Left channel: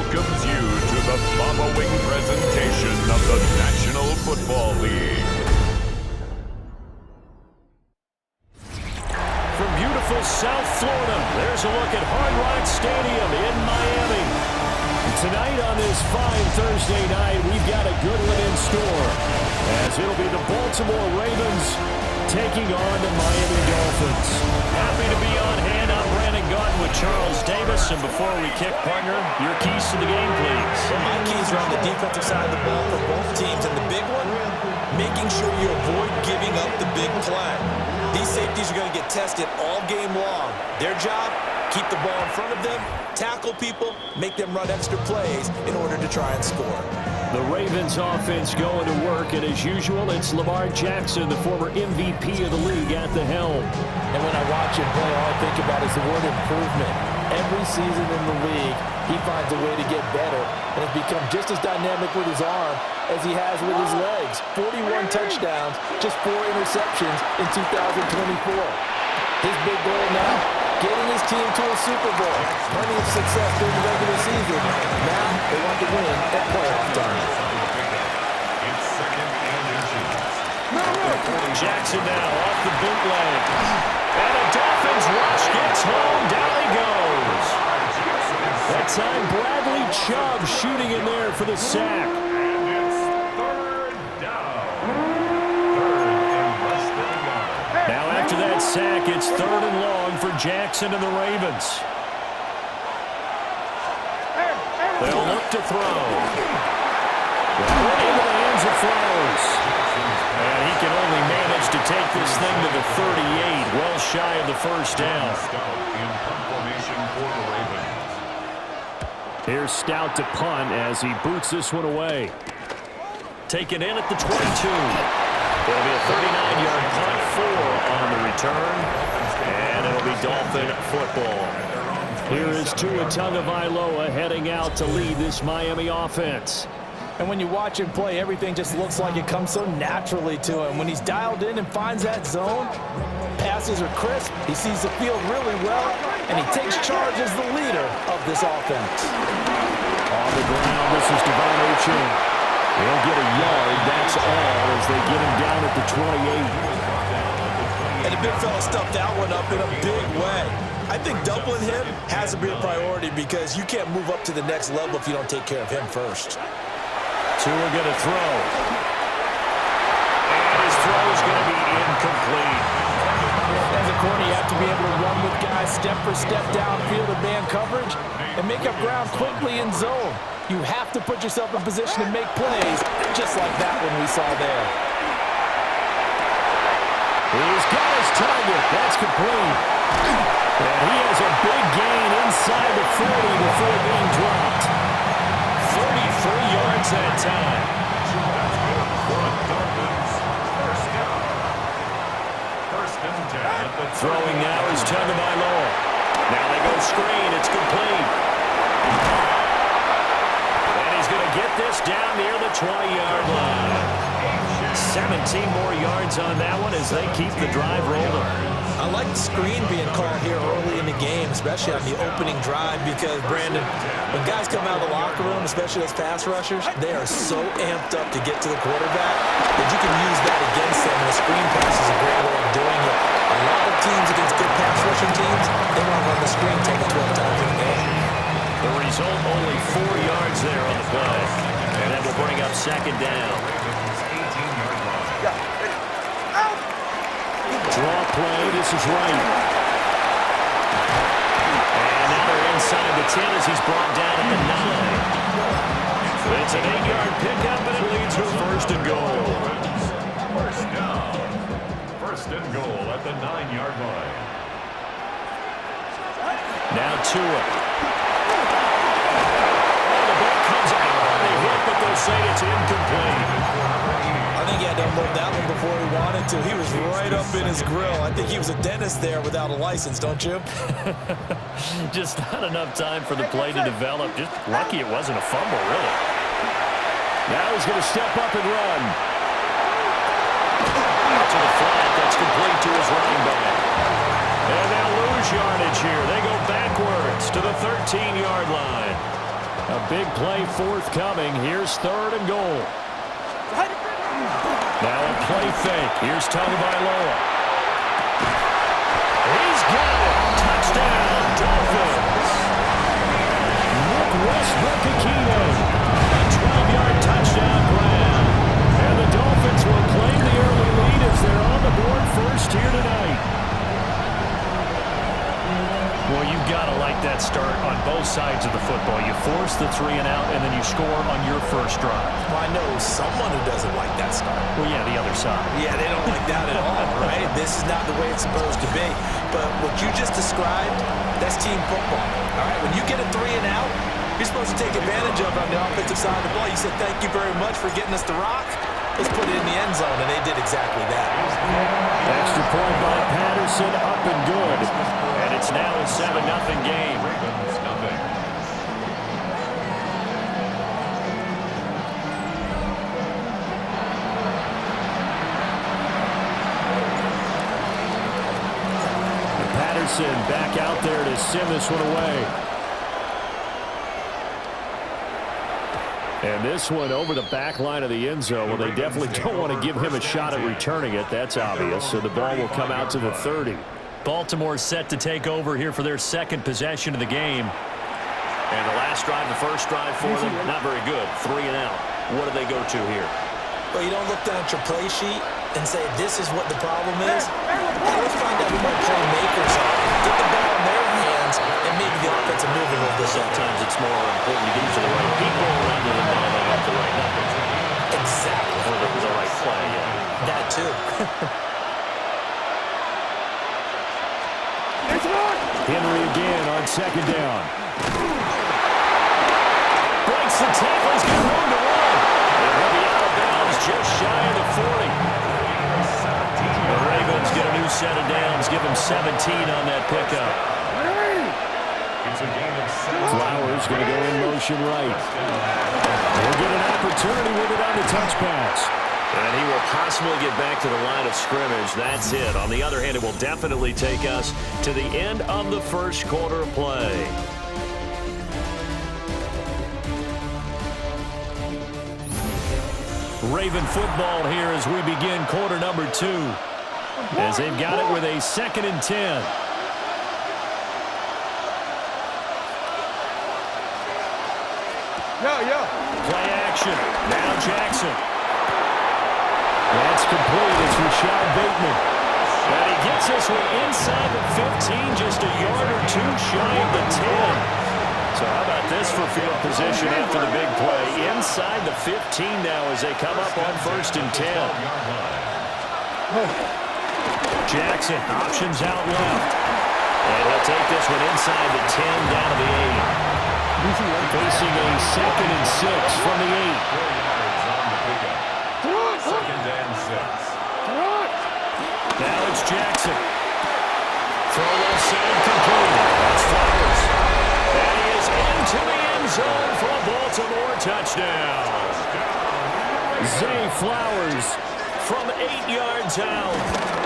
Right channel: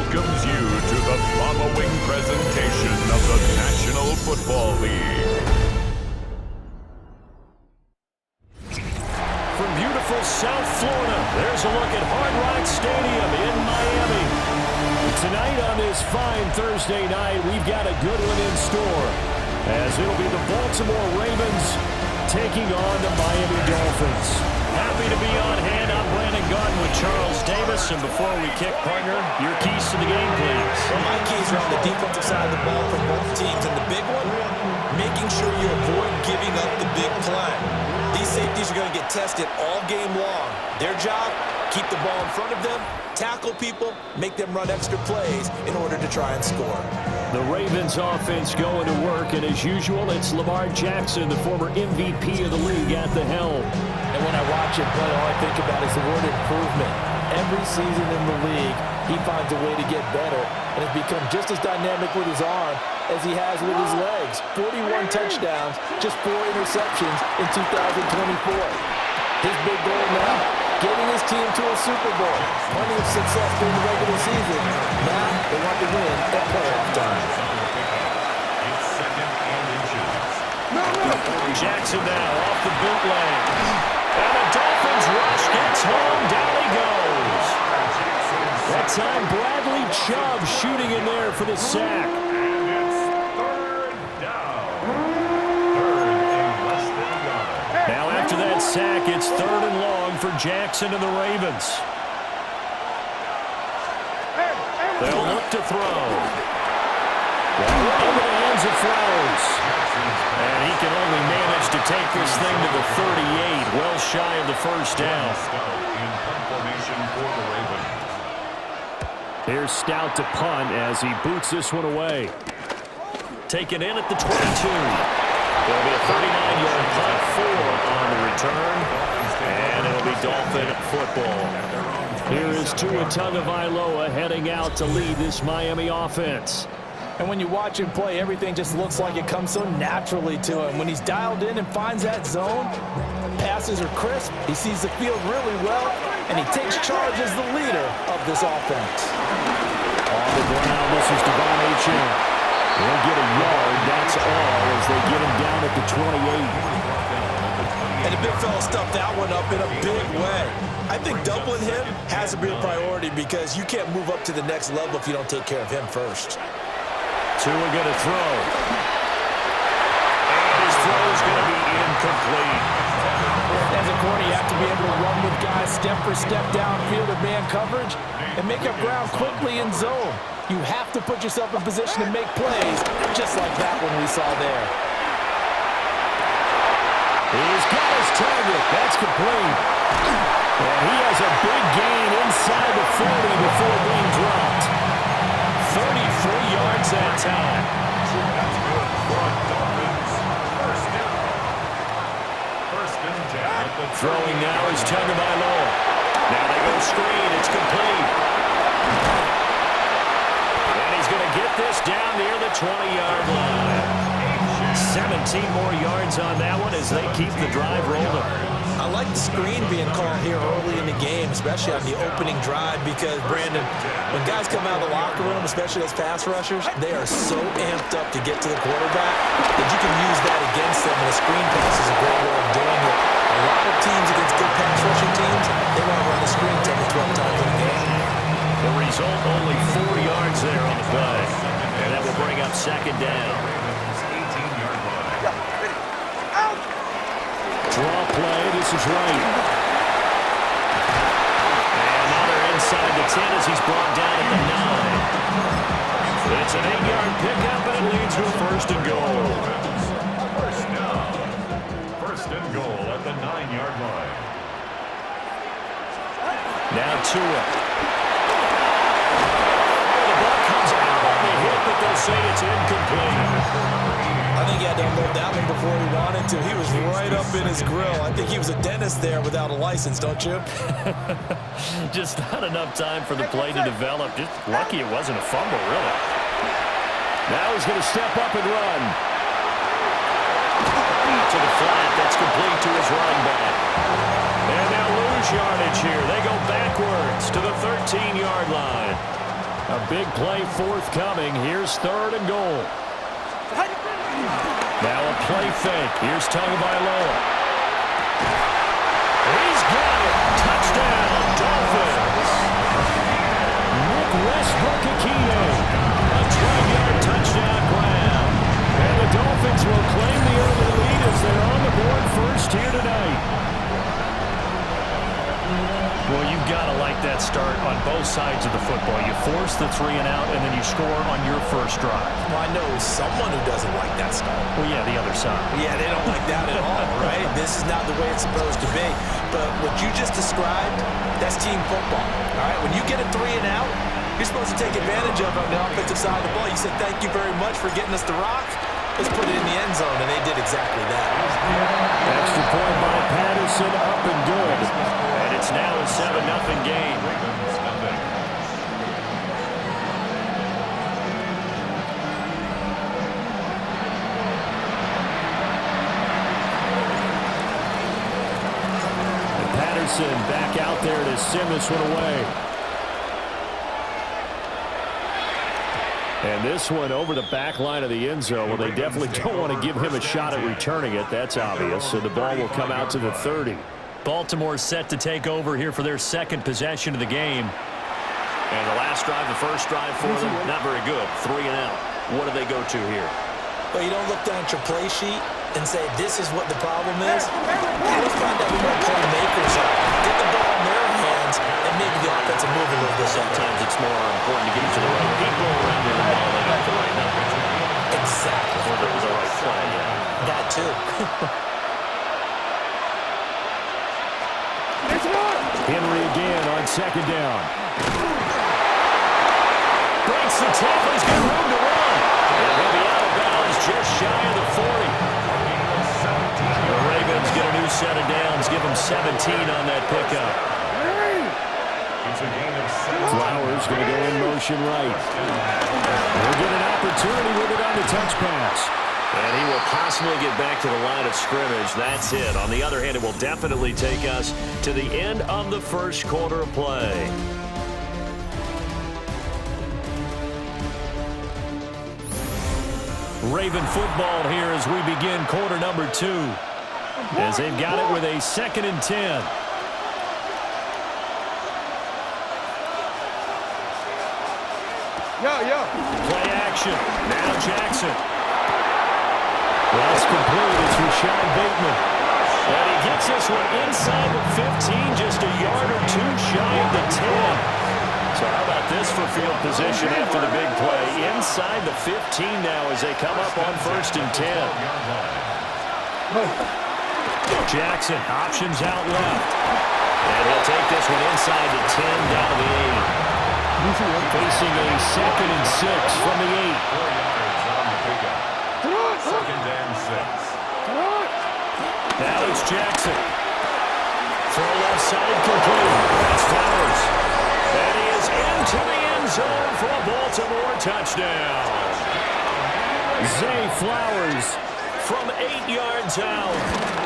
welcomes you to the following presentation of the National Football League. From beautiful South Florida, there's a look at Hard Rock Stadium in Miami. Tonight on this fine Thursday night, we've got a good one in store, as it'll be the Baltimore Ravens taking on the Miami Dolphins. Happy to be on hand. I'm Brandon Gaunt with Charles Davis. And before we kick, partner, your keys to the game, please. Well, my keys are on the defensive side of the ball for both teams. And the big one, making sure you avoid giving up the big play. These safeties are going to get tested all game long. Their job, keep the ball in front of them, tackle people, make them run extra plays in order to try and score. The Ravens offense going to work, and as usual, it's Lamar Jackson, the former MVP of the league, at the helm. And when I watch him play, all I think about is the word improvement. Every season in the league, he finds a way to get better, and has become just as dynamic with his arm as he has with his legs. 41 touchdowns, just 4 interceptions in 2024. His big goal now, getting his team to a Super Bowl. Plenty of success during the regular season. Now they want to win at playoff time. It's second and inches. Jackson now off the bootleg. And a Dolphins rush gets home. Down he goes. That time Bradley Chubb shooting in there for the sack. And it's third down. Third and less than a yard. Now after that sack, it's third and long for Jackson and the Ravens. They'll look to throw. That one into the hands of Flowers. And he can only manage to take this thing to the 38, well shy of the first down. In punt formation for the Ravens. Here's Stout to punt as he boots this one away. Taken in at the 22. It'll be a 39-yard punt, 4 on the return, and it'll be Dolphin football. Here is Tua Tagovailoa heading out to lead this Miami offense. And when you watch him play, everything just looks like it comes so naturally to him. When he's dialed in and finds that zone, passes are crisp, he sees the field really well, and he takes charge as the leader of this offense. On the ground, this is Devon Achane. He'll get a yard, that's all, as they get him down at the 28. And the big fella stuffed that one up in a big way. I think doubling him has to be a priority because you can't move up to the next level if you don't take care of him first. Tua going to throw. And his throw is going to be incomplete. As a corner, you have to be able to run with guys step for step downfield in man coverage and make up ground quickly in zone. You have to put yourself in position to make plays, just like that one we saw there. He's got his target. That's complete. And he has a big gain inside the 40 before being dropped. 33 yards that time. That's good for a Dolphins. First down. First and 10 at the Throwing now is Tagovailoa. Now they go screen. It's complete. And he's going to get this down near the 20-yard line. 17 more yards on that one as they keep the drive rolling. I like the screen being called here early in the game, especially on the opening drive, because, Brandon, when guys come out of the locker room, especially those pass rushers, they are so amped up to get to the quarterback that you can use that against them, and a screen pass is a great way of doing it. A lot of teams against good pass rushing teams, they want to run the screen 10 to 12 times in a game. The result, only 4 yards there on the play. And that will bring up second down. Draw play, this is right. And now they're inside the 10 as he's brought down at the 9. It's an 8-yard pickup, and it leads to a first and goal. First down. First and goal at the 9-yard line. Now Tua. Oh, the ball comes out on the hit, but they'll say it's incomplete. I think he had to unload that one before he wanted to. He was right up in his grill. I think he was a dentist there without a license, don't you? Just not enough time for the play to develop. Just lucky it wasn't a fumble, really. Now he's going to step up and run. Out to the flat. That's complete to his running back. And they'll lose yardage here. They go backwards to the 13-yard line. A big play forthcoming. Here's 3rd and goal. Now a play fake. Here's Tagovailoa. He's got it. Touchdown, Dolphins. Nick Westbrook-Ikine. A 12-yard touchdown grab. And the Dolphins will claim the early lead as they're on the board first here tonight. Well, you've got to like that start on both sides of the football. You force the 3 and out, and then you score on your first drive. Well, I know someone who doesn't like that start. Well, yeah, the other side. Yeah, they don't like that at all, right? This is not the way it's supposed to be. But what you just described, that's team football, all right? When you get a 3 and out, you're supposed to take advantage of it on the offensive side of the ball. You said, thank you very much for getting us the rock. Let's put it in the end zone, and they did exactly that. Extra point by Patterson, up and good. And it's now a 7-0 game. Ravens nothing. And Patterson back out there to send this one away. And this one over the back line of the end zone. Well, they definitely don't want to give him a shot at returning it. That's obvious. So the ball will come out to the 30. Baltimore set to take over here for their second possession of the game. And the last drive, the first drive for them, not very good. 3 and out. What do they go to here? Well, you don't look down at your play sheet and say, this is what the problem is. Let's find out who my playmakers are. Get the ball in their hands, and maybe the offense will move a little bit. Sometimes it's more important to get it to the right people rather than dialing up the right numbers. Exactly. Or the right play, yeah. That too. Henry again on 2nd down. Breaks the tackle. He's got room to run. And he'll be out of bounds just shy of the 40. The Ravens get a new set of downs. Give them 17 on that pickup. It's a gain of 7. Flowers going to go in motion right. He'll get an opportunity with it on the touch pass. And he will possibly get back to the line of scrimmage. That's it. On the other hand, it will definitely take us to the end of the first quarter of play. Raven football here as we begin quarter number 2. As they've got it with a 2nd and 10. Play action. Now Jackson. That's complete. It's Rashad Bateman. And he gets this one inside the 15, just a yard or 2 shy of the 10. So how about this for field position after the big play? Inside the 15 now as they come up on 1st and 10. Jackson, options out left. And he'll take this one inside the 10, down to the 8. Facing a 2nd and 6 from the 8. 4 yards on the pickup. 2nd and 6. Now it's Jackson. Throw left side complete. That's Flowers. And he is into the end zone for a Baltimore touchdown. Zay Flowers from 8 yards out.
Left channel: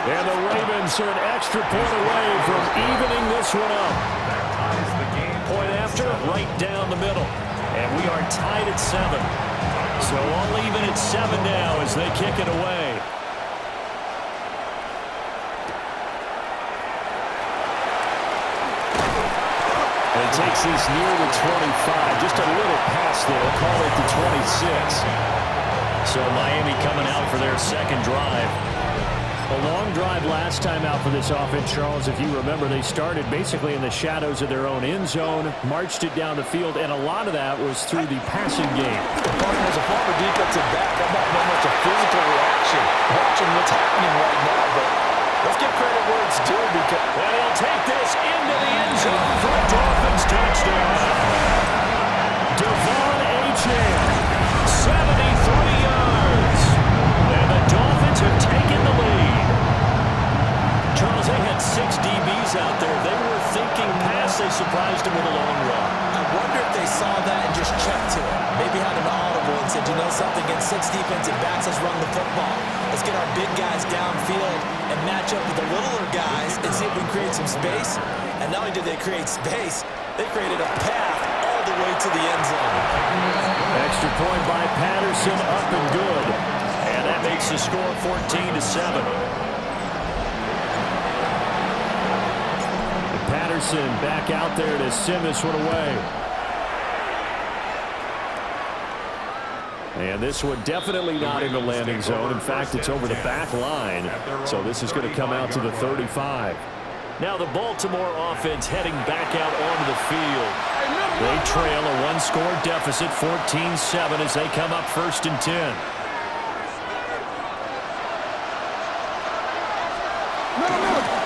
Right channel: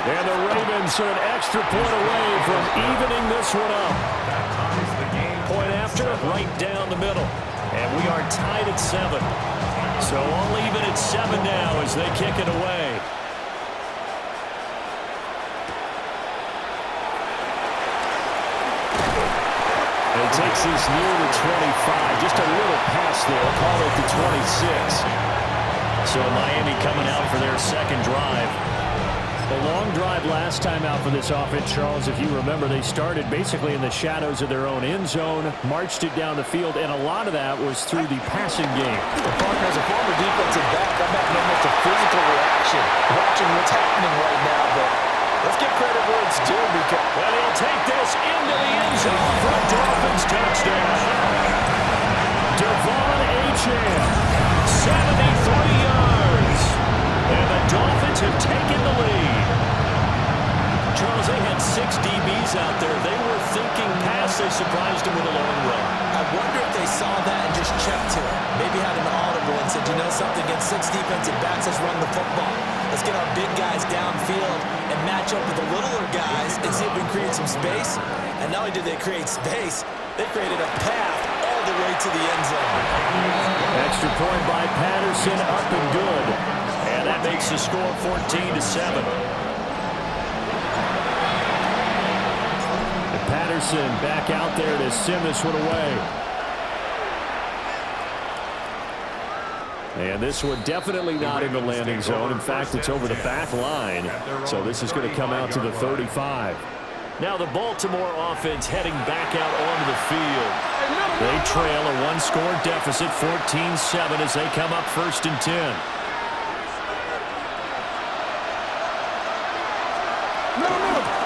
And the Ravens are an extra point away from evening this one up. That ties the game. Point after, right down the middle. And we are tied at 7. So all even at 7 now as they kick it away. And it takes this near the 25. Just a little past there. Call it the 26. So Miami coming out for their second drive. A long drive last time out for this offense, Charles. If you remember, they started basically in the shadows of their own end zone, marched it down the field, and a lot of that was through the passing game. Partner, as a former defensive back, I'm having almost a physical reaction watching what's happening right now, but let's give credit where it's due because... And he'll take this into the end zone for a Dolphins touchdown. Devon Achane, 73 yards. And the Dolphins have taken the lead. Charles, they had 6 DBs out there. They were thinking pass. They surprised him with a long run. I wonder if they saw that and just checked to it. Maybe had an audible and said, you know something, against 6 defensive backs, let's run the football. Let's get our big guys downfield and match up with the littler guys and see if we can create some space. And not only did they create space, they created a path all all the way to the end zone. Extra point by Patterson, up and good. And that makes the score 14-7. And Patterson back out there to send this one away. And this one definitely not in the landing zone. In fact, it's over the back line. So this is going to come out to the 35. Now the Baltimore offense heading back out onto the field. They trail a one-score deficit, 14-7, as they come up 1st and 10.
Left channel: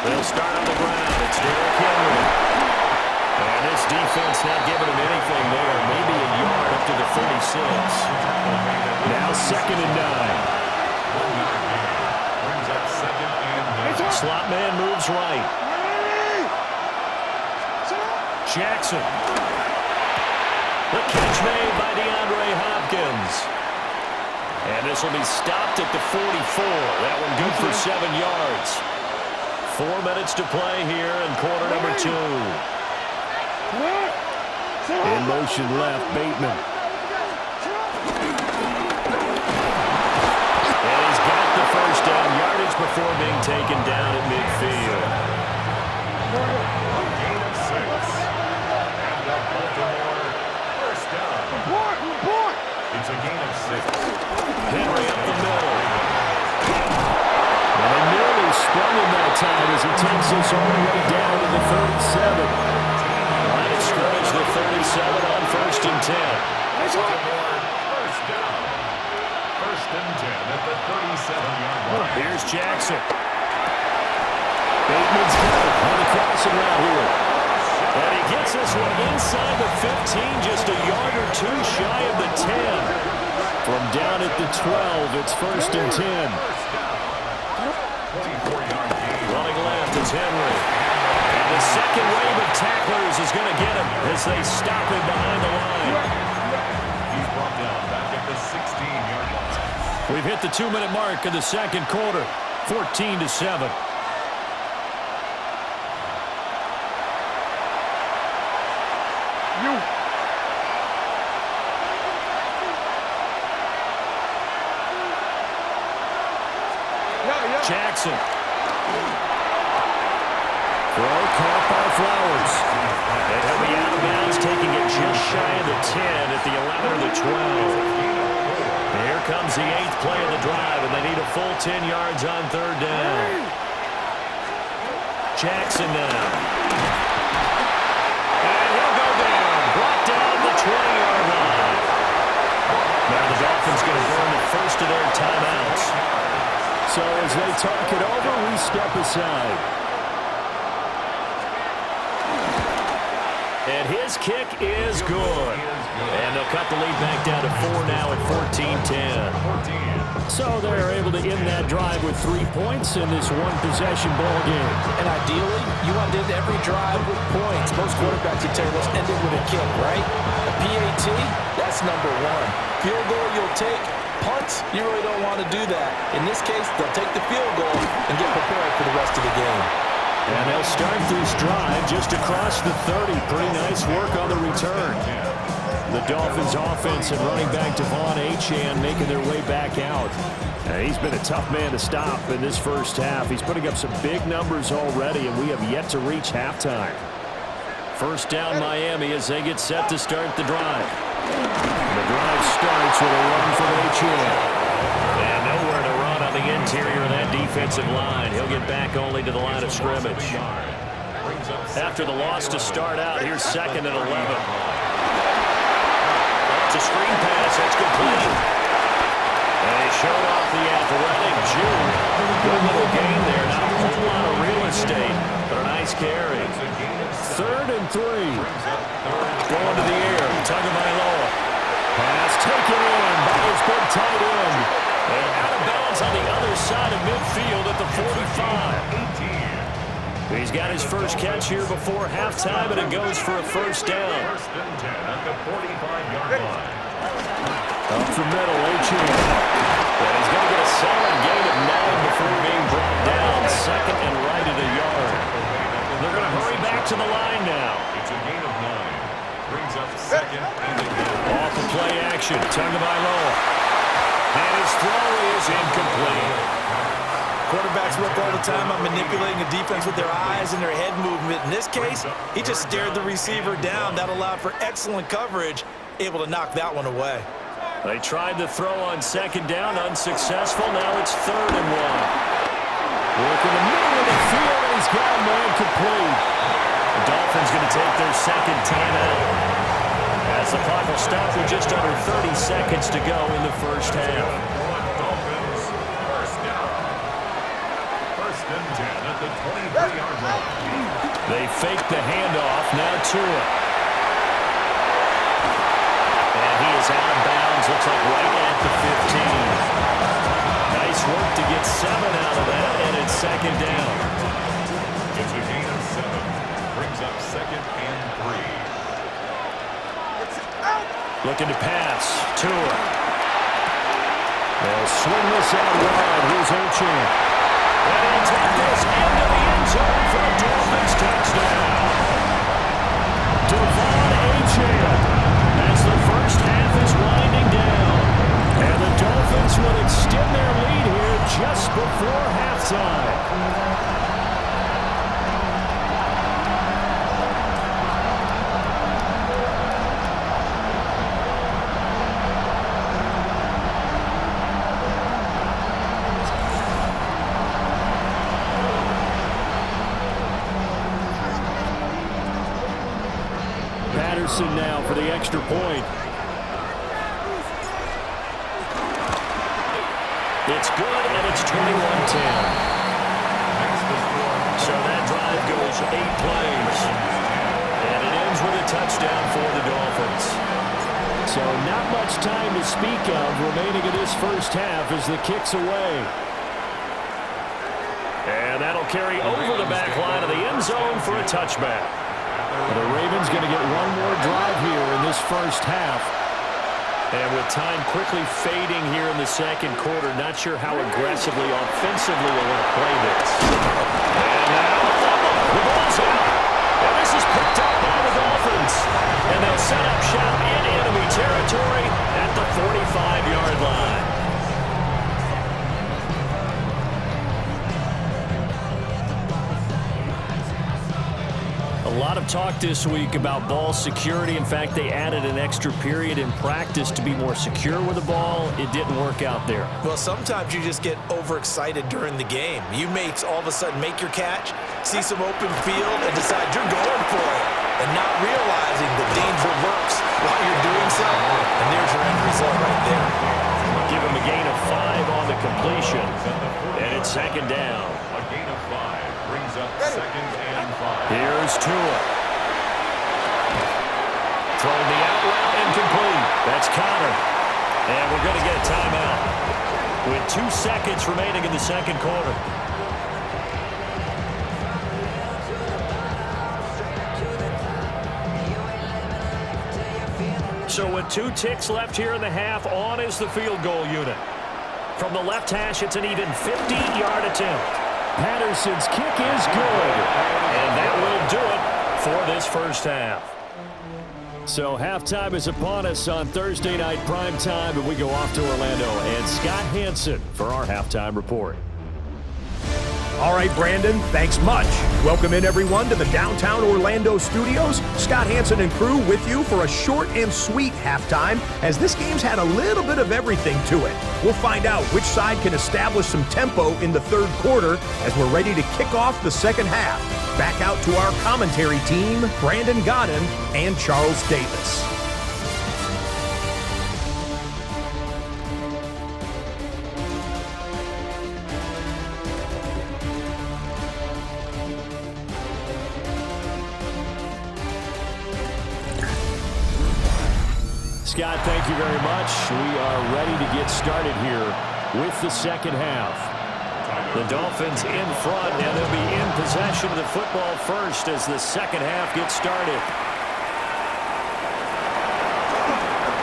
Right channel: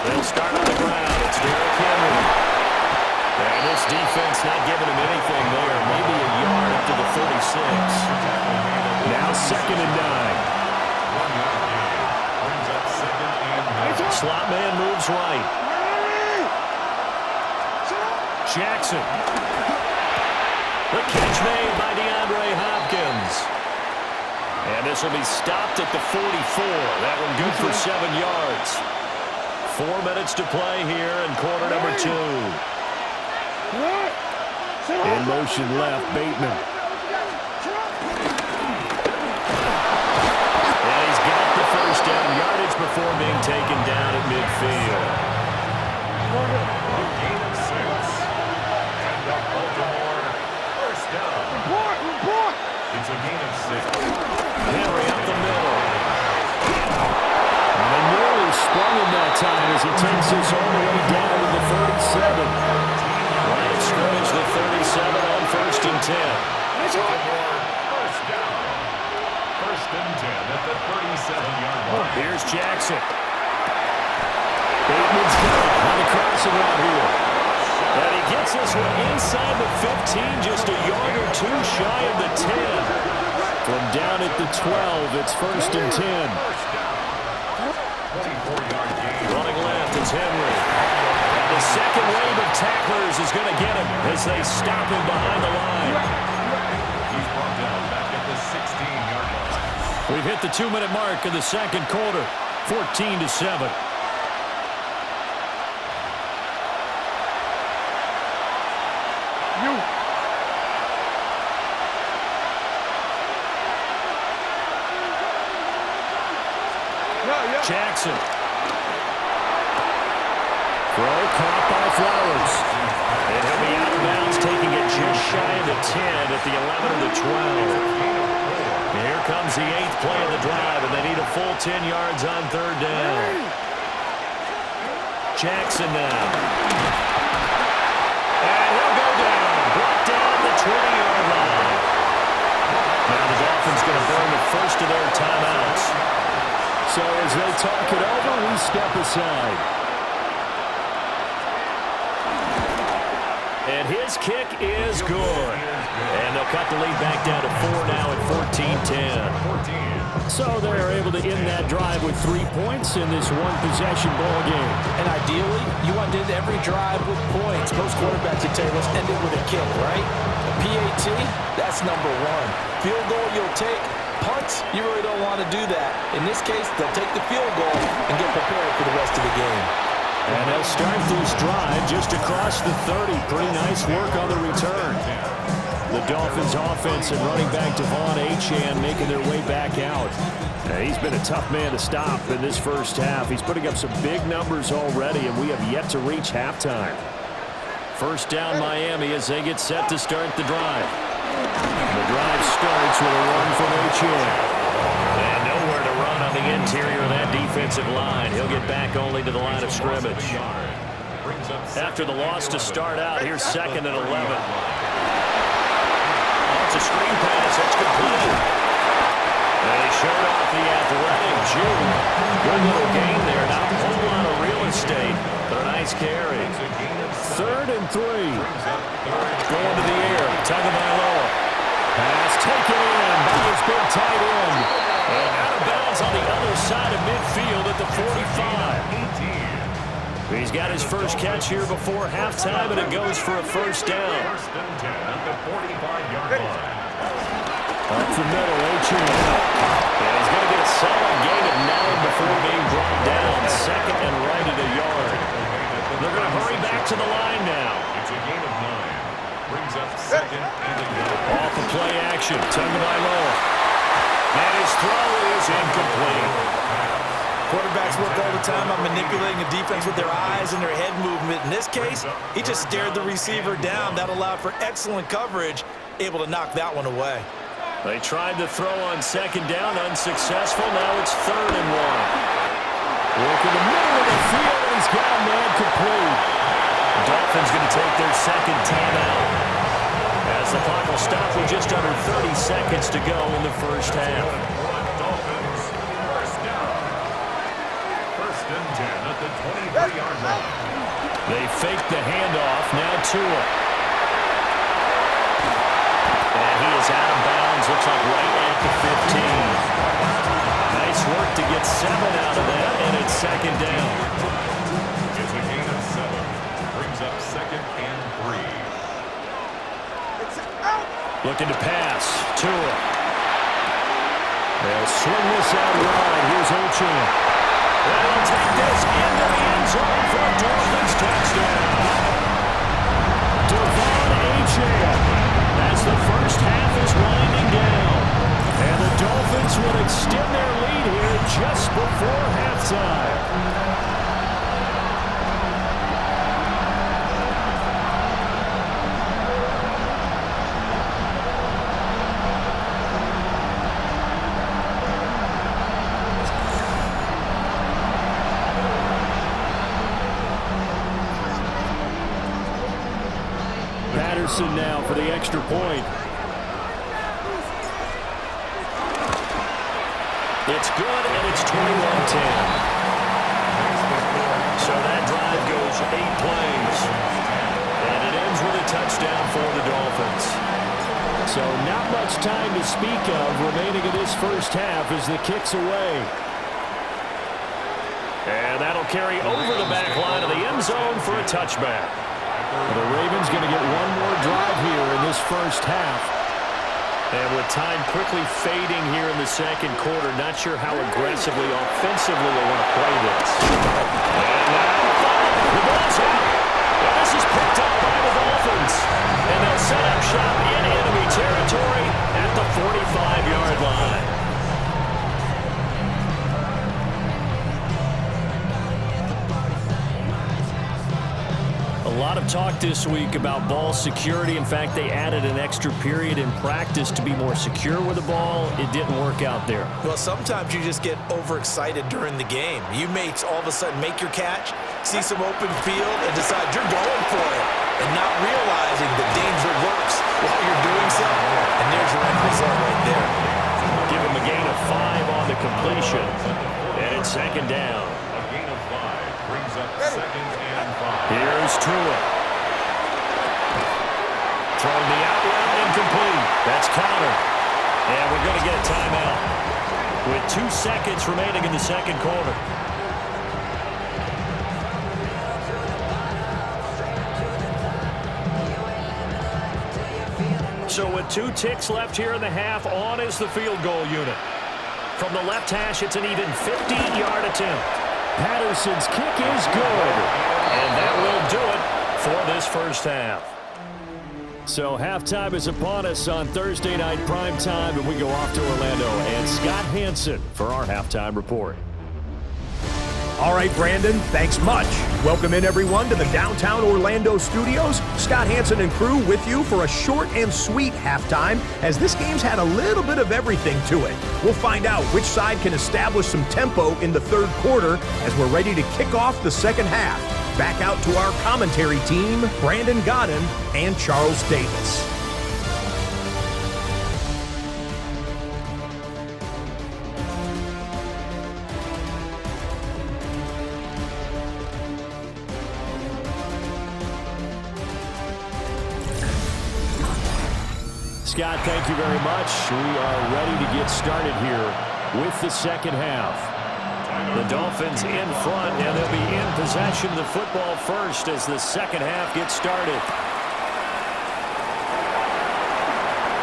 They'll start on the ground. It's Derrick Henry. And this defense not giving him anything there. Maybe a yard up to the 36. Now 2nd and 9. 1-yard gain. Brings up 2nd and 9. Slot man moves right. Jackson. The catch made by DeAndre Hopkins. And this will be stopped at the 44. That one good for 7 yards. 4 minutes to play here in quarter number 2. In motion left, Bateman. And he's got the first down, yardage before being taken down at midfield. A gain of 6. And the Baltimore first down. It's a gain of 6. Henry up the middle. And they nearly sprung him that time as he takes this all the way down to the 37. Line of scrimmage, the 37 on 1st and 10. Baltimore first down. 1st and 10 at the 37-yard line. Here's Jackson. Bateman's got it on the crossing route here. And he gets this one inside the 15, just a yard or 2 shy of the 10. From down at the 12, it's 1st and 10. 24-yard gain. Running left is Henry. And the second wave of tacklers is going to get him as they stop him behind the line. He's brought down back at the 16-yard line. We've hit the 2-minute mark of the 2nd quarter, 14-7. Jackson. Throw caught by Flowers. And he'll be out of bounds, taking it just shy of the 10 at the 11 or the 12. Here comes the 8th play of the drive, and they need a full 10 yards on 3rd down. Jackson now. And he'll go down. Brought down at the 20-yard line. Now the Dolphins going to burn the first of their timeouts. So as they talk it over, we step aside. And his kick is good. And they'll cut the lead back down to 4 now at 14-10. So they're able to end that drive with 3 points in this one-possession ball game. And ideally, you want to end every drive with points. Most quarterbacks would tell you, let's end it with a kick, right? A PAT, that's number 1. Field goal you'll take. Punts, you really don't want to do that. In this case, they'll take the field goal and get prepared for the rest of the game. And they'll start this drive just across the 30. Pretty nice work on the return. The Dolphins offense and running back Devon Achane making their way back out. And he's been a tough man to stop in this first half. He's putting up some big numbers already, and we have yet to reach halftime. First down Miami as they get set to start the drive. The drive starts with a run from Achane. And nowhere to run on the interior of that defensive line. He'll get back only to the line of scrimmage. After the loss to start out, here's 2nd and 11. Oh, it's a screen pass. That's complete. They showed off the athletic Jude. Good little gain there. Not a whole lot of real estate, but a nice carry. 3rd and 3. Going to the air. Tagovailoa. Pass taken in by his big tight end. And out of bounds on the other side of midfield at the 45. He's got his first catch here before halftime, and it goes for a first down. 1st and 10 at the 45-yard line. Up the middle, Achane. And he's going to get a solid gain of 9 before being brought down. 2nd and right at a yard. They're going to hurry back to the line now. It's a gain of 9. brings up second and a goal. Off of play action, Tagovailoa. And his throw is incomplete. Quarterbacks work all the time on manipulating a defense with their eyes and their head movement. In this case, he just stared the receiver down. That allowed for excellent coverage, able to knock that one away. They tried to throw on second down, unsuccessful. Now it's 3rd and 1. Work in the middle of the field, and he's got a man complete. The Dolphins going to take their second timeout, as the clock will stop with just under 30 seconds to go in the first half. Dolphins, first down. 1st and 10 at the 23-yard line. They fake the handoff. Now Tua. And he is out of bounds. Looks like right at the 15. Nice work to get 7 out of that, and it's 2nd down. It's a gain of 7. Brings up 2nd and 3. Looking to pass. Tua. They'll swing this out wide. Here's Achane. And he'll take this into the end zone for a Dolphins touchdown. Devon Achane, as the first half is winding down. And the Dolphins will extend their lead here just before halftime. Patterson now for the extra point. It's good, and it's 21-10. So that drive goes 8 plays. And it ends with a touchdown for the Dolphins. So not much time to speak of remaining in this first half as the kick's away. And that'll carry over the back line of the end zone for a touchback. The Ravens going to get one more drive here in this first half. And with time quickly fading here in the second quarter, not sure how aggressively, offensively they want to play this. And now a fumble. The ball's out. And this is picked up by the Dolphins. And they'll set up shop in enemy territory at the 45-yard line. A lot of talk this week about ball security. In fact, they added an extra period in practice to be more secure with the ball. It didn't work out there. Well, sometimes you just get overexcited during the game. You may all of a sudden make your catch, see some open field, and decide you're going for it, and not realizing the danger lurks while you're doing so. And there's your end result right there. Give him a gain of 5 on the completion, and it's 2nd down. A gain of 5 brings up 2nd and 5. Here's Tua. Throwing the out route incomplete. That's Connor. And we're going to get a timeout with 2 seconds remaining in the second quarter. So with 2 ticks left here in the half, on is the field goal unit. From the left hash, it's an even 50-yard attempt. Patterson's kick is good. And that will do it for this first half. So halftime is upon us on Thursday night primetime, and we go off to Orlando. And Scott Hansen for our halftime report. All right, Brandon, thanks much. Welcome in, everyone, to the downtown Orlando studios. Scott Hansen and crew with you for a short and sweet halftime, as this game's had a little bit of everything to it. We'll find out which side can establish some tempo in the third quarter as we're ready to kick off the second half. Back out to our commentary team, Brandon Godden and Charles Davis. Scott, thank you very much. We are ready to get started here with the second half. The Dolphins in front, and they'll be in possession of the football first as the second half gets started.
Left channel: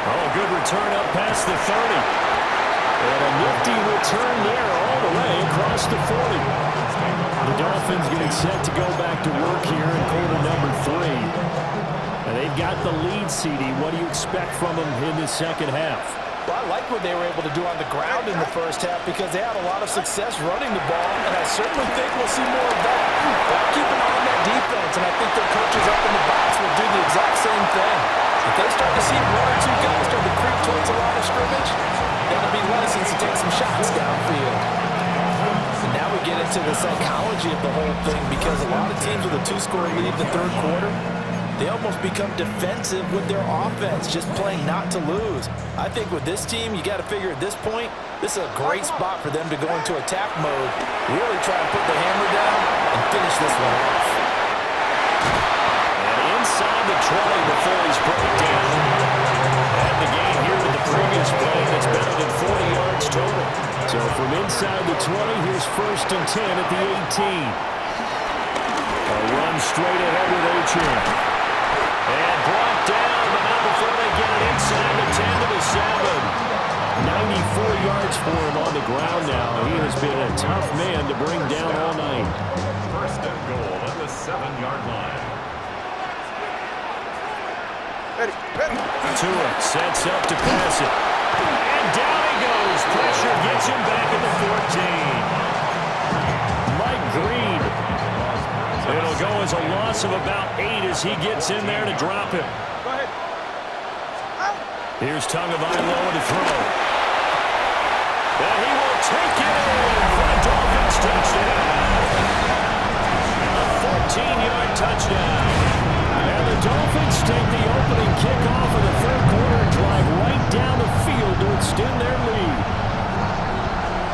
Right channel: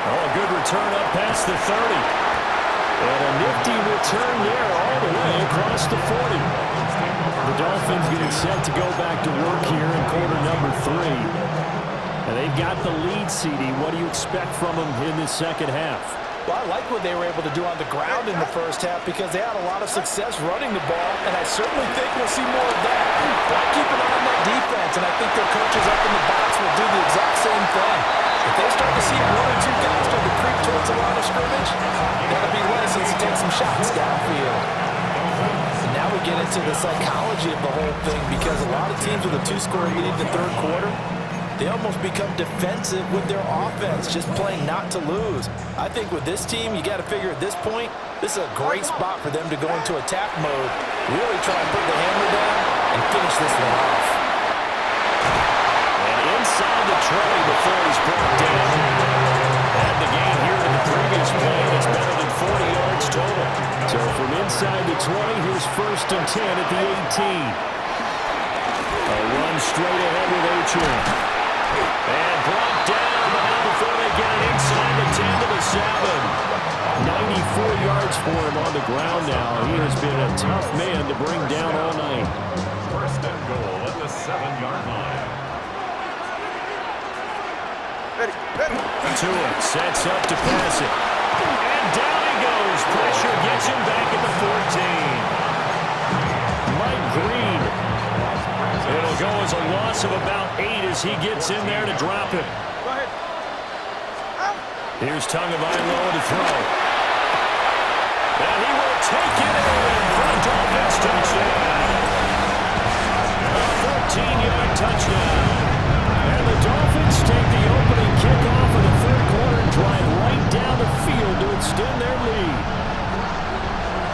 Oh, a good return up past the 30. And a nifty return there all the way across the 40. The Dolphins getting set to go back to work here in quarter number 3. And They've got the lead, CD. What do you expect from them in this second half? Well, I like what they were able to do on the ground in the first half because they had a lot of success running the ball, and I certainly think we'll see more of that. But I keep an eye on that defense, and I think their coaches up in the box will do the exact same thing. If they start to see one or two guys start to creep towards the line of scrimmage, they'll be licensed to take some shots downfield. And now we get into the psychology of the whole thing because a lot of teams with a two-score lead in the third quarter, they almost become defensive with their offense, just playing not to lose. I think with this team, you got to figure at this point, this is a great spot for them to go into attack mode, really try and put the hammer down and finish this one off. And inside the 20 before he's brought down. And the gain here in the previous play, that's better than 40 yards total. So from inside the 20, here's 1st and 10 at the 18. A run straight ahead with Achane. And brought down, but not before they get it inside the 10 to the 7. 94 yards for him on the ground now. He has been a tough man to bring down all night. 1st and goal at the 7-yard line. Tua sets up to pass it. And down he goes. Pressure gets him back at the 14. Mike Green. It'll go as a loss of about 8 as he gets in there to drop him. Go ahead. Here's Tagovailoa to throw. And he will take it in for a Dolphins touchdown. A 14-yard touchdown. And the Dolphins take the opening kickoff of the third quarter and drive right down the field to extend their lead.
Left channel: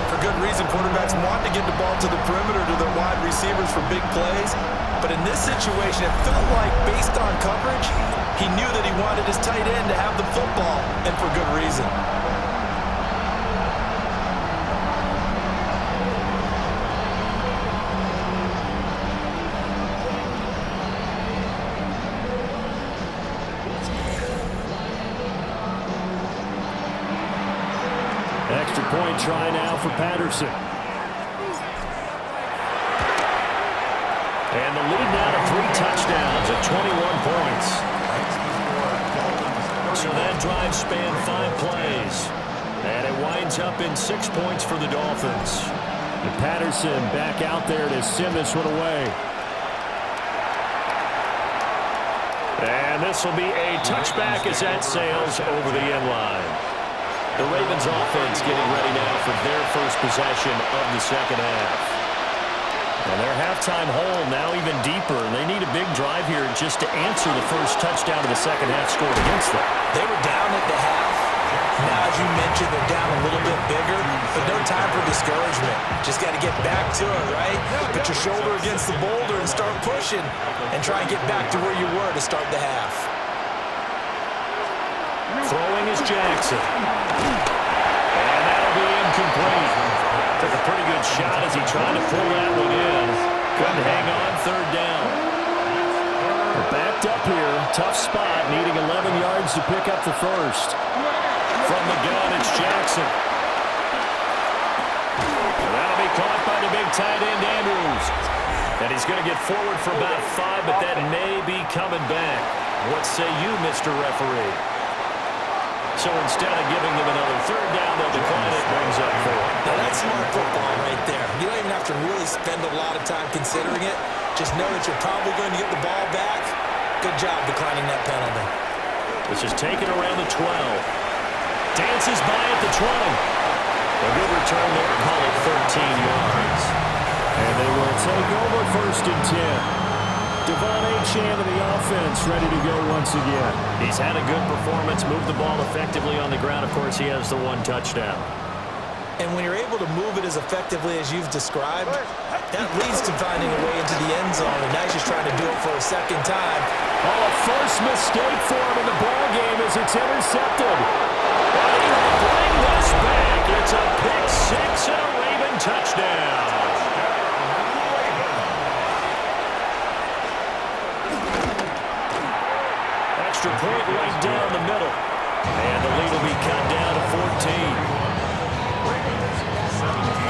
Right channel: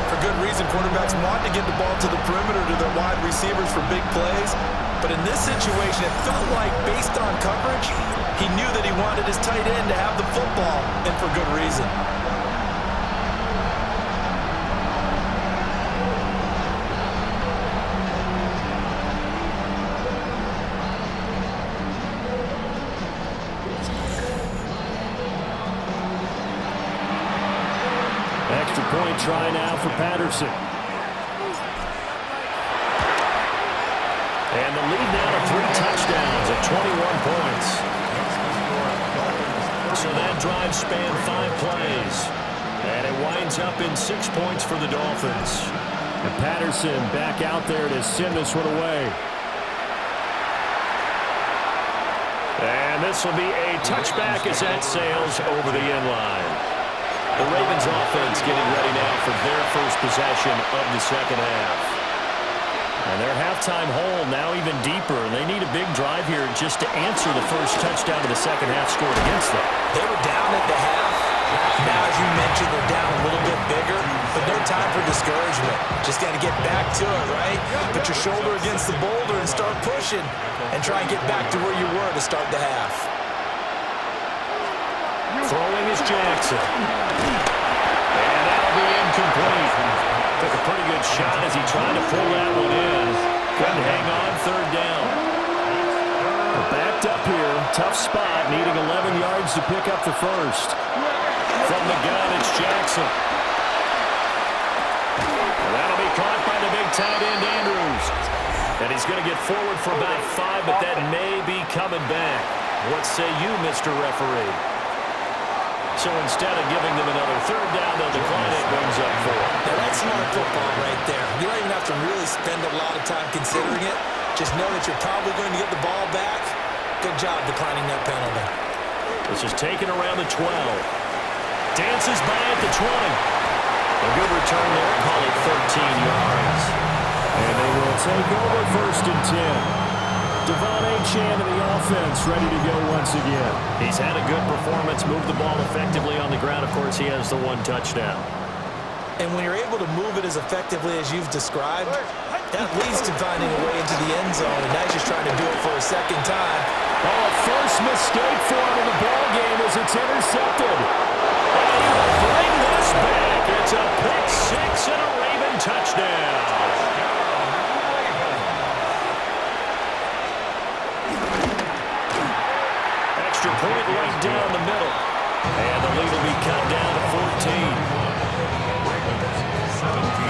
For good reason, quarterbacks want to get the ball to the perimeter to their wide receivers for big plays. But in this situation, it felt like, based on coverage, he knew that he wanted his tight end to have the football, and for good reason. Extra point try now for Patterson. And the lead now to 3 touchdowns at 21 points. So that drive spanned 5 plays. And it winds up in 6 points for the Dolphins. And Patterson back out there to send this one away. And this will be a touchback as that sails over the end line. The Ravens offense getting ready now for their first possession of the second half. And their halftime hole now even deeper. And they need a big drive here just to answer the first touchdown of the second half scored against them. They were down at the half. Now, as you mentioned, they're down a little bit bigger, but no time for discouragement. Just got to get back to it, right? Put your shoulder against the boulder and start pushing and try and get back to where you were to start the half. Throwing is Jackson. And that'll be incomplete. Took a pretty good shot as he tried to pull that one in. Couldn't hang on, third down. We're backed up here. Tough spot, needing 11 yards to pick up the first. From the gun, it's Jackson. And that'll be caught by the big tight end, Andrews. And he's going to get forward for about 5, but that may be coming back. What say you, Mr. Referee? So instead of giving them another third down, they'll decline it, brings up 4. Now that's smart football right there. You don't even have to really spend a lot of time considering it. Just know that you're probably going to get the ball back. Good job declining that penalty. This is taken around the 12. Dances by at the 20. A good return there, call it 13 yards. And they will take over 1st and 10. Devon Achane to the offense, ready to go once again. He's had a good performance, moved the ball effectively on the ground. Of course, he has the 1 touchdown. And when you're able to move it as effectively as you've described, that leads to finding a way into the end zone, and now he's just trying to do it for a second time. Oh, a first mistake for him in the ball game as it's intercepted. And he will bring this back. It's a pick 6 and a Raven touchdown. Extra point right down the middle. And the lead will be cut down to 14. Ravens 17.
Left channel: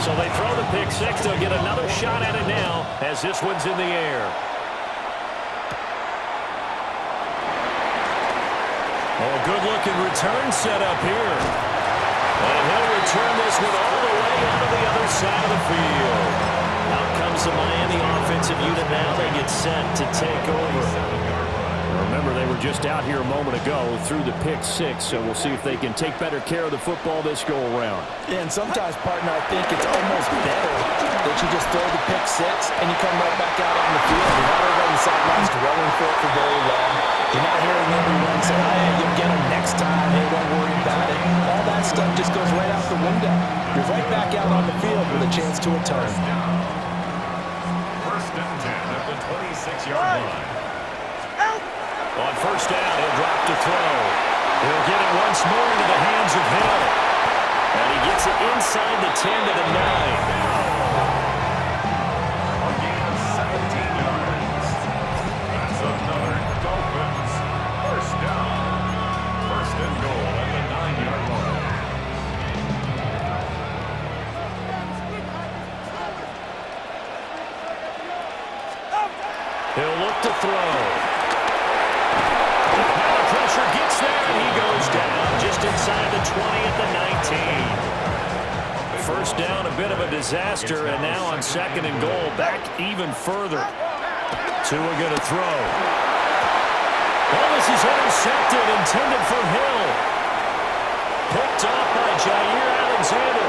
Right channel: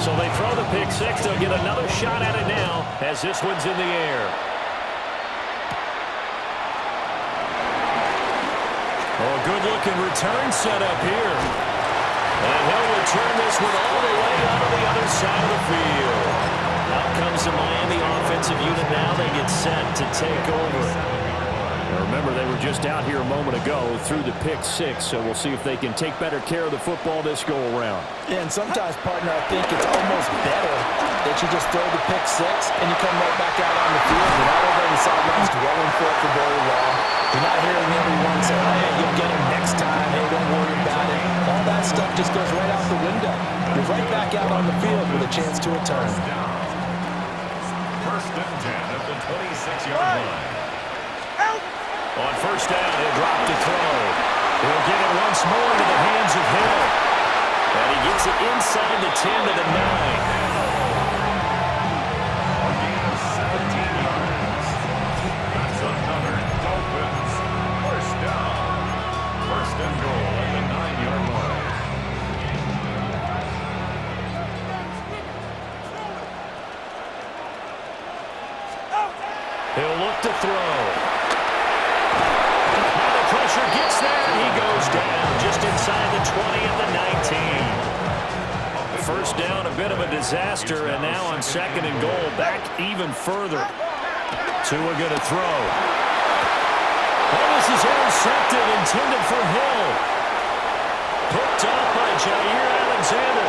So they throw the pick six. They'll get another shot at it now as this one's in the air. Oh, a good-looking return set up here. And he'll return this one all the way onto the other side of the field. Out comes the Miami offensive unit now. They get set to take over. Now remember, they were just out here a moment ago through the pick six, so we'll see if they can take better care of the football this go-around. Yeah, and sometimes, partner, I think it's almost better that you just throw the pick six and you come right back out on the field. You're not over on the sidelines dwelling for it for very long. You're not hearing everyone say, hey, you'll get them next time. Hey, don't worry about it. All that stuff just goes right out the window. You're right back out on the field with a chance to return. First and 10 at the 26-yard line. On first down, he'll drop to throw. He'll get it once more into the hands of Hill. And he gets it inside the 10 to the 9. A gain of 17 yards. That's another Dolphins first down. First and goal at the 9-yard line. He'll look to throw. Now the pressure gets there, and he goes down just inside the 20 at the 19. First down, a bit of a disaster, and now on second and goal, back even further. Tua going to throw. Oh, this is intercepted, intended for Hill. Picked off by Jair Alexander.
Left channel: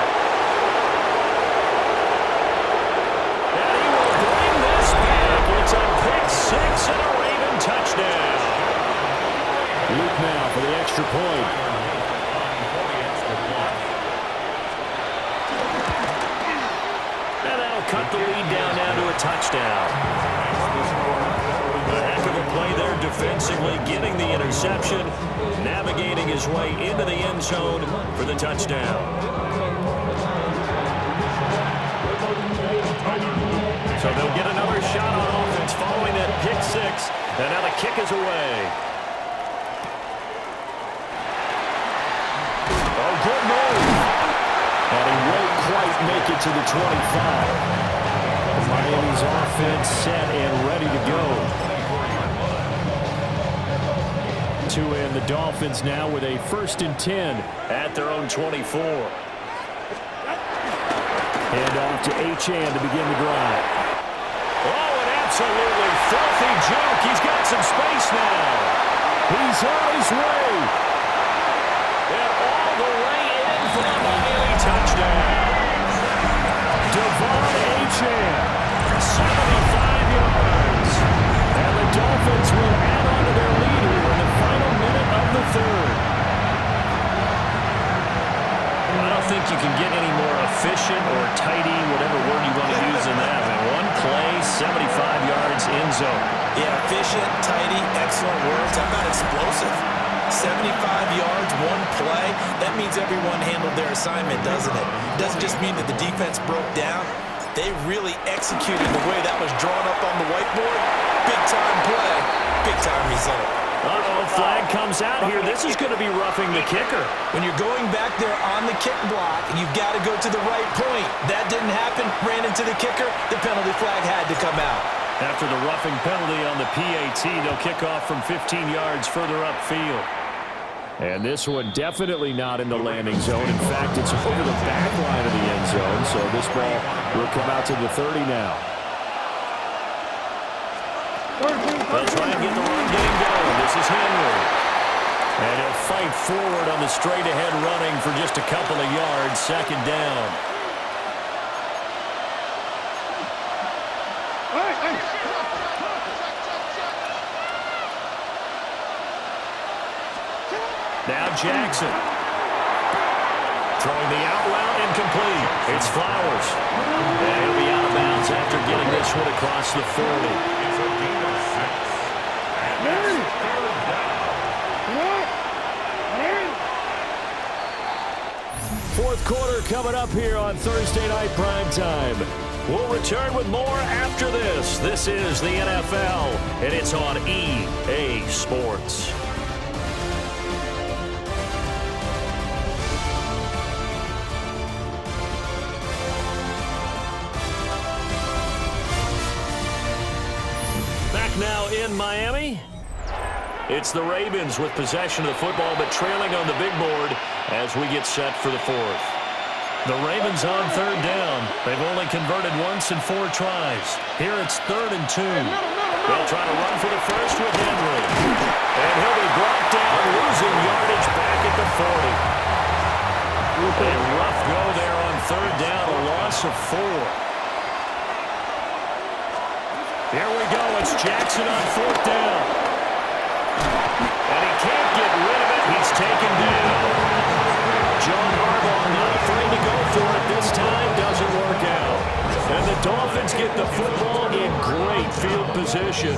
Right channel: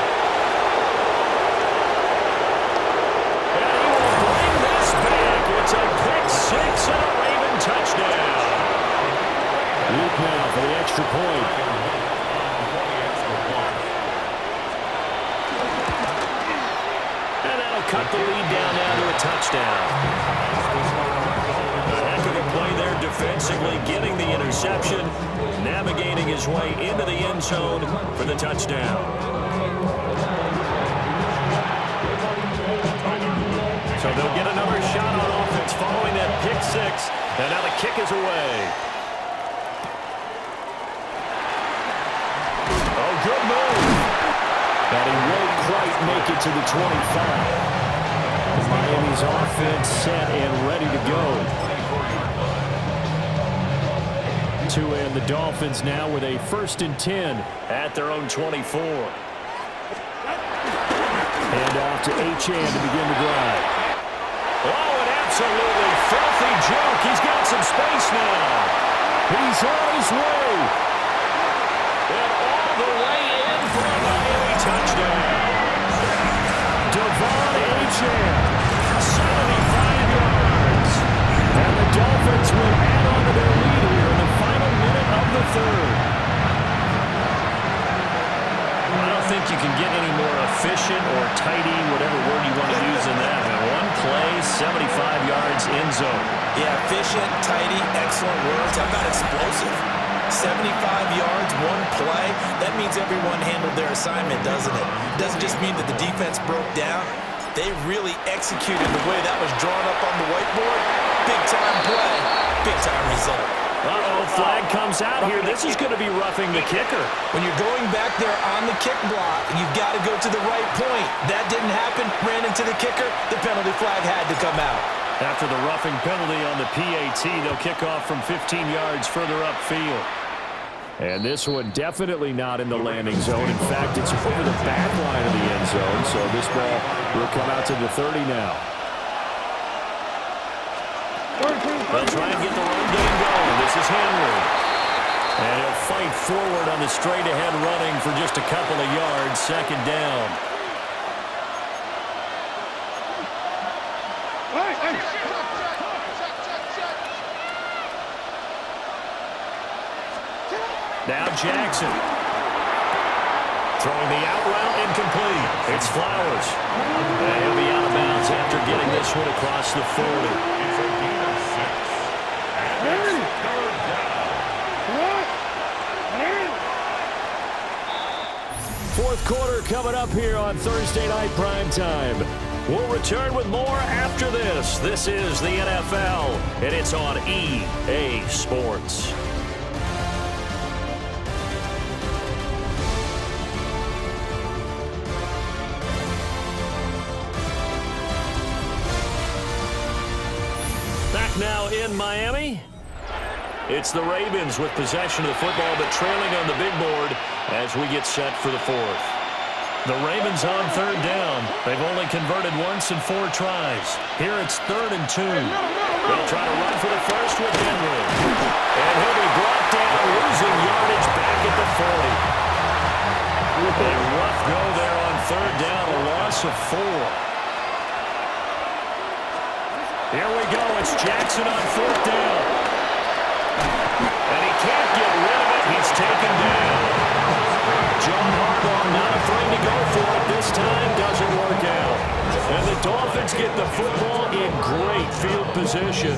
And he will bring this back. It's a pick six and a Raven touchdown. Luke now for the extra point. And that'll cut the lead down now to a touchdown. A heck of a play there defensively, getting the interception, navigating his way into the end zone for the touchdown. So they'll get another shot on offense following that pick six, and now the kick is away. Oh, good move. And he won't quite make it to the 25. Miami's offense set and ready to go. Tua and the Dolphins now with a 1st and 10 at their own 24. Hand off to Achane to begin the drive. Oh, an absolutely filthy juke. He's got some space now. He's on his way. And all the way in for a Miami touchdown. Devon Achane, 75 yards. And the Dolphins will add on to their lead here in the final minute of the third. I don't think you can get any more efficient or tidy, whatever word you want to use in that. I mean, one play, 75 yards, end zone. Yeah, efficient, tidy, excellent words. How about explosive? 75 yards, one play. That means everyone handled their assignment, doesn't it? Doesn't just mean that the defense broke down. They really executed the way that was drawn up on the whiteboard. Big-time play, big-time result. Uh-oh, flag comes out here. This is going to be roughing the kicker. When you're going back there on the kick block, you've got to go to the right point. That didn't happen. Ran into the kicker. The penalty flag had to come out. After the roughing penalty on the PAT, they'll kick off from 15 yards further upfield. And this one definitely not in the landing zone. In fact, it's over the back line of the end zone, so this ball will come out to the 30 now. They'll try and get the run game going. This is Henry. And he'll fight forward on the straight-ahead running for just a couple of yards. Second down. Now Jackson. Throwing the out route incomplete. It's Flowers. And he'll be out of bounds after getting this one across the 40. It's a gain of 6. And it's third down. Fourth quarter coming up here on Thursday Night Primetime. We'll return with more after this. This is the NFL, and it's on EA Sports. now in Miami. It's the Ravens with possession of the football, but trailing on the big board as we get set for the fourth. The Ravens on third down. They've only converted once in 4 tries. Here it's 3rd and 2. They'll try to run for the first with Henry. And he'll be brought down, losing yardage back at the 40. A rough go there on third down, a loss of 4. Here we go. It's Jackson on 4th down. And he can't get rid of it. He's taken down. John Harbaugh not afraid to go for it this time. Doesn't work out. And the Dolphins get the football in great field position.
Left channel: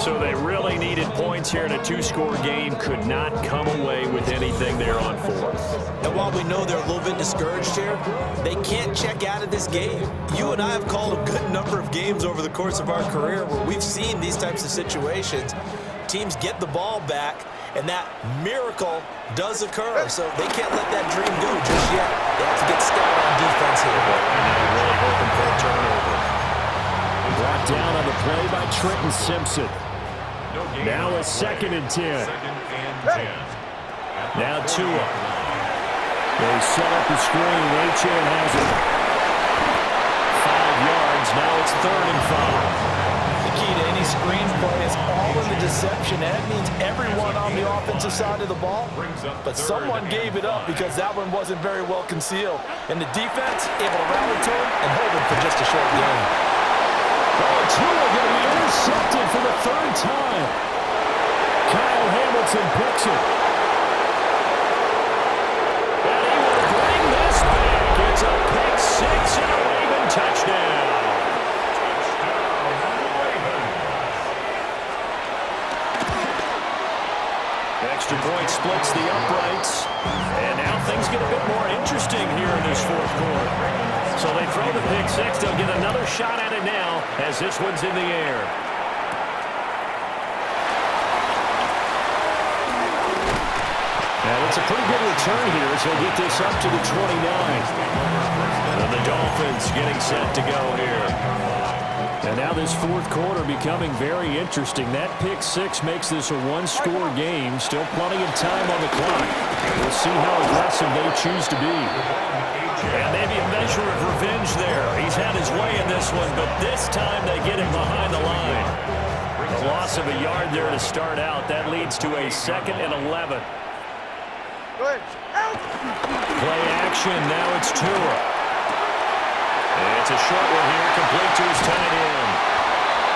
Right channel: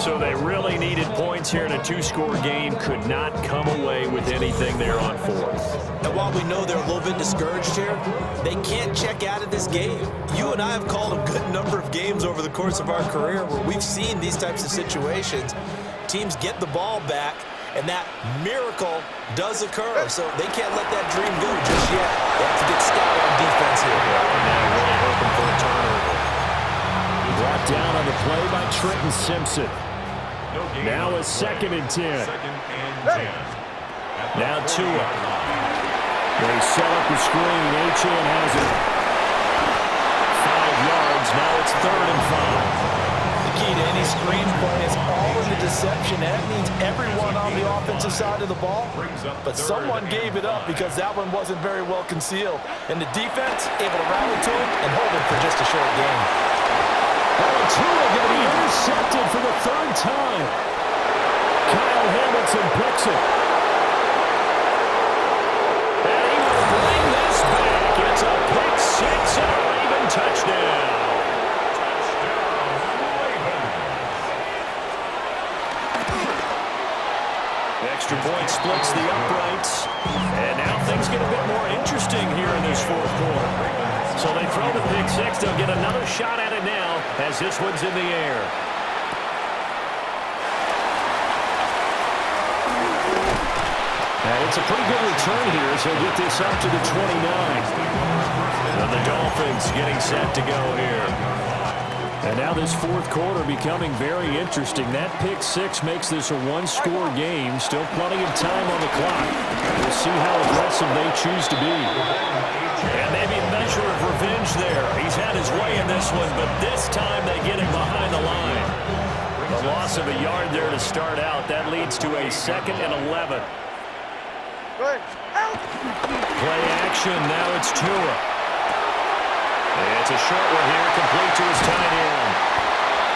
So they really needed points here in a 2-score game. Could not come away with anything there on 4th. And while we know they're a little bit discouraged here, they can't check out of this game. You and I have called a good number of games over the course of our career where we've seen these types of situations. Teams get the ball back, and that miracle does occur. So they can't let that dream go just yet. They have to get stout on defense here. Right now, really hoping for a turnover. Brought down on the play by Trenton Simpson. Now a 2nd and 10. Now Tua. They set up the screen. Achane has it. 5 yards. Now it's 3rd and 5. The key to any screen play is all in the deception. That means everyone on the offensive side of the ball, but someone gave it up because that one wasn't very well concealed. And the defense able to rally to him and hold him for just a short game. Oh, and Tua going to be intercepted for the 3rd time. Kyle Hamilton picks it. And he will bring this back. It's a pick 6 and a Raven touchdown. Extra point splits the uprights. And now things get a bit more interesting here in this 4th quarter. So they throw the pick 6. They'll get another shot at it now as this one's in the air. And it's a pretty good return here as he'll get this up to the 29. And the Dolphins getting set to go here. And now this 4th quarter becoming very interesting. That pick 6 makes this a 1-score game. Still plenty of time on the clock. We'll see how aggressive they choose to be. And maybe a measure of revenge there. He's had his way in this one, but this time they get him behind the line. The loss of a yard there to start out. That leads to a 2nd and 11. Play action. Now it's Tua. It's a short one here, complete to his tight end.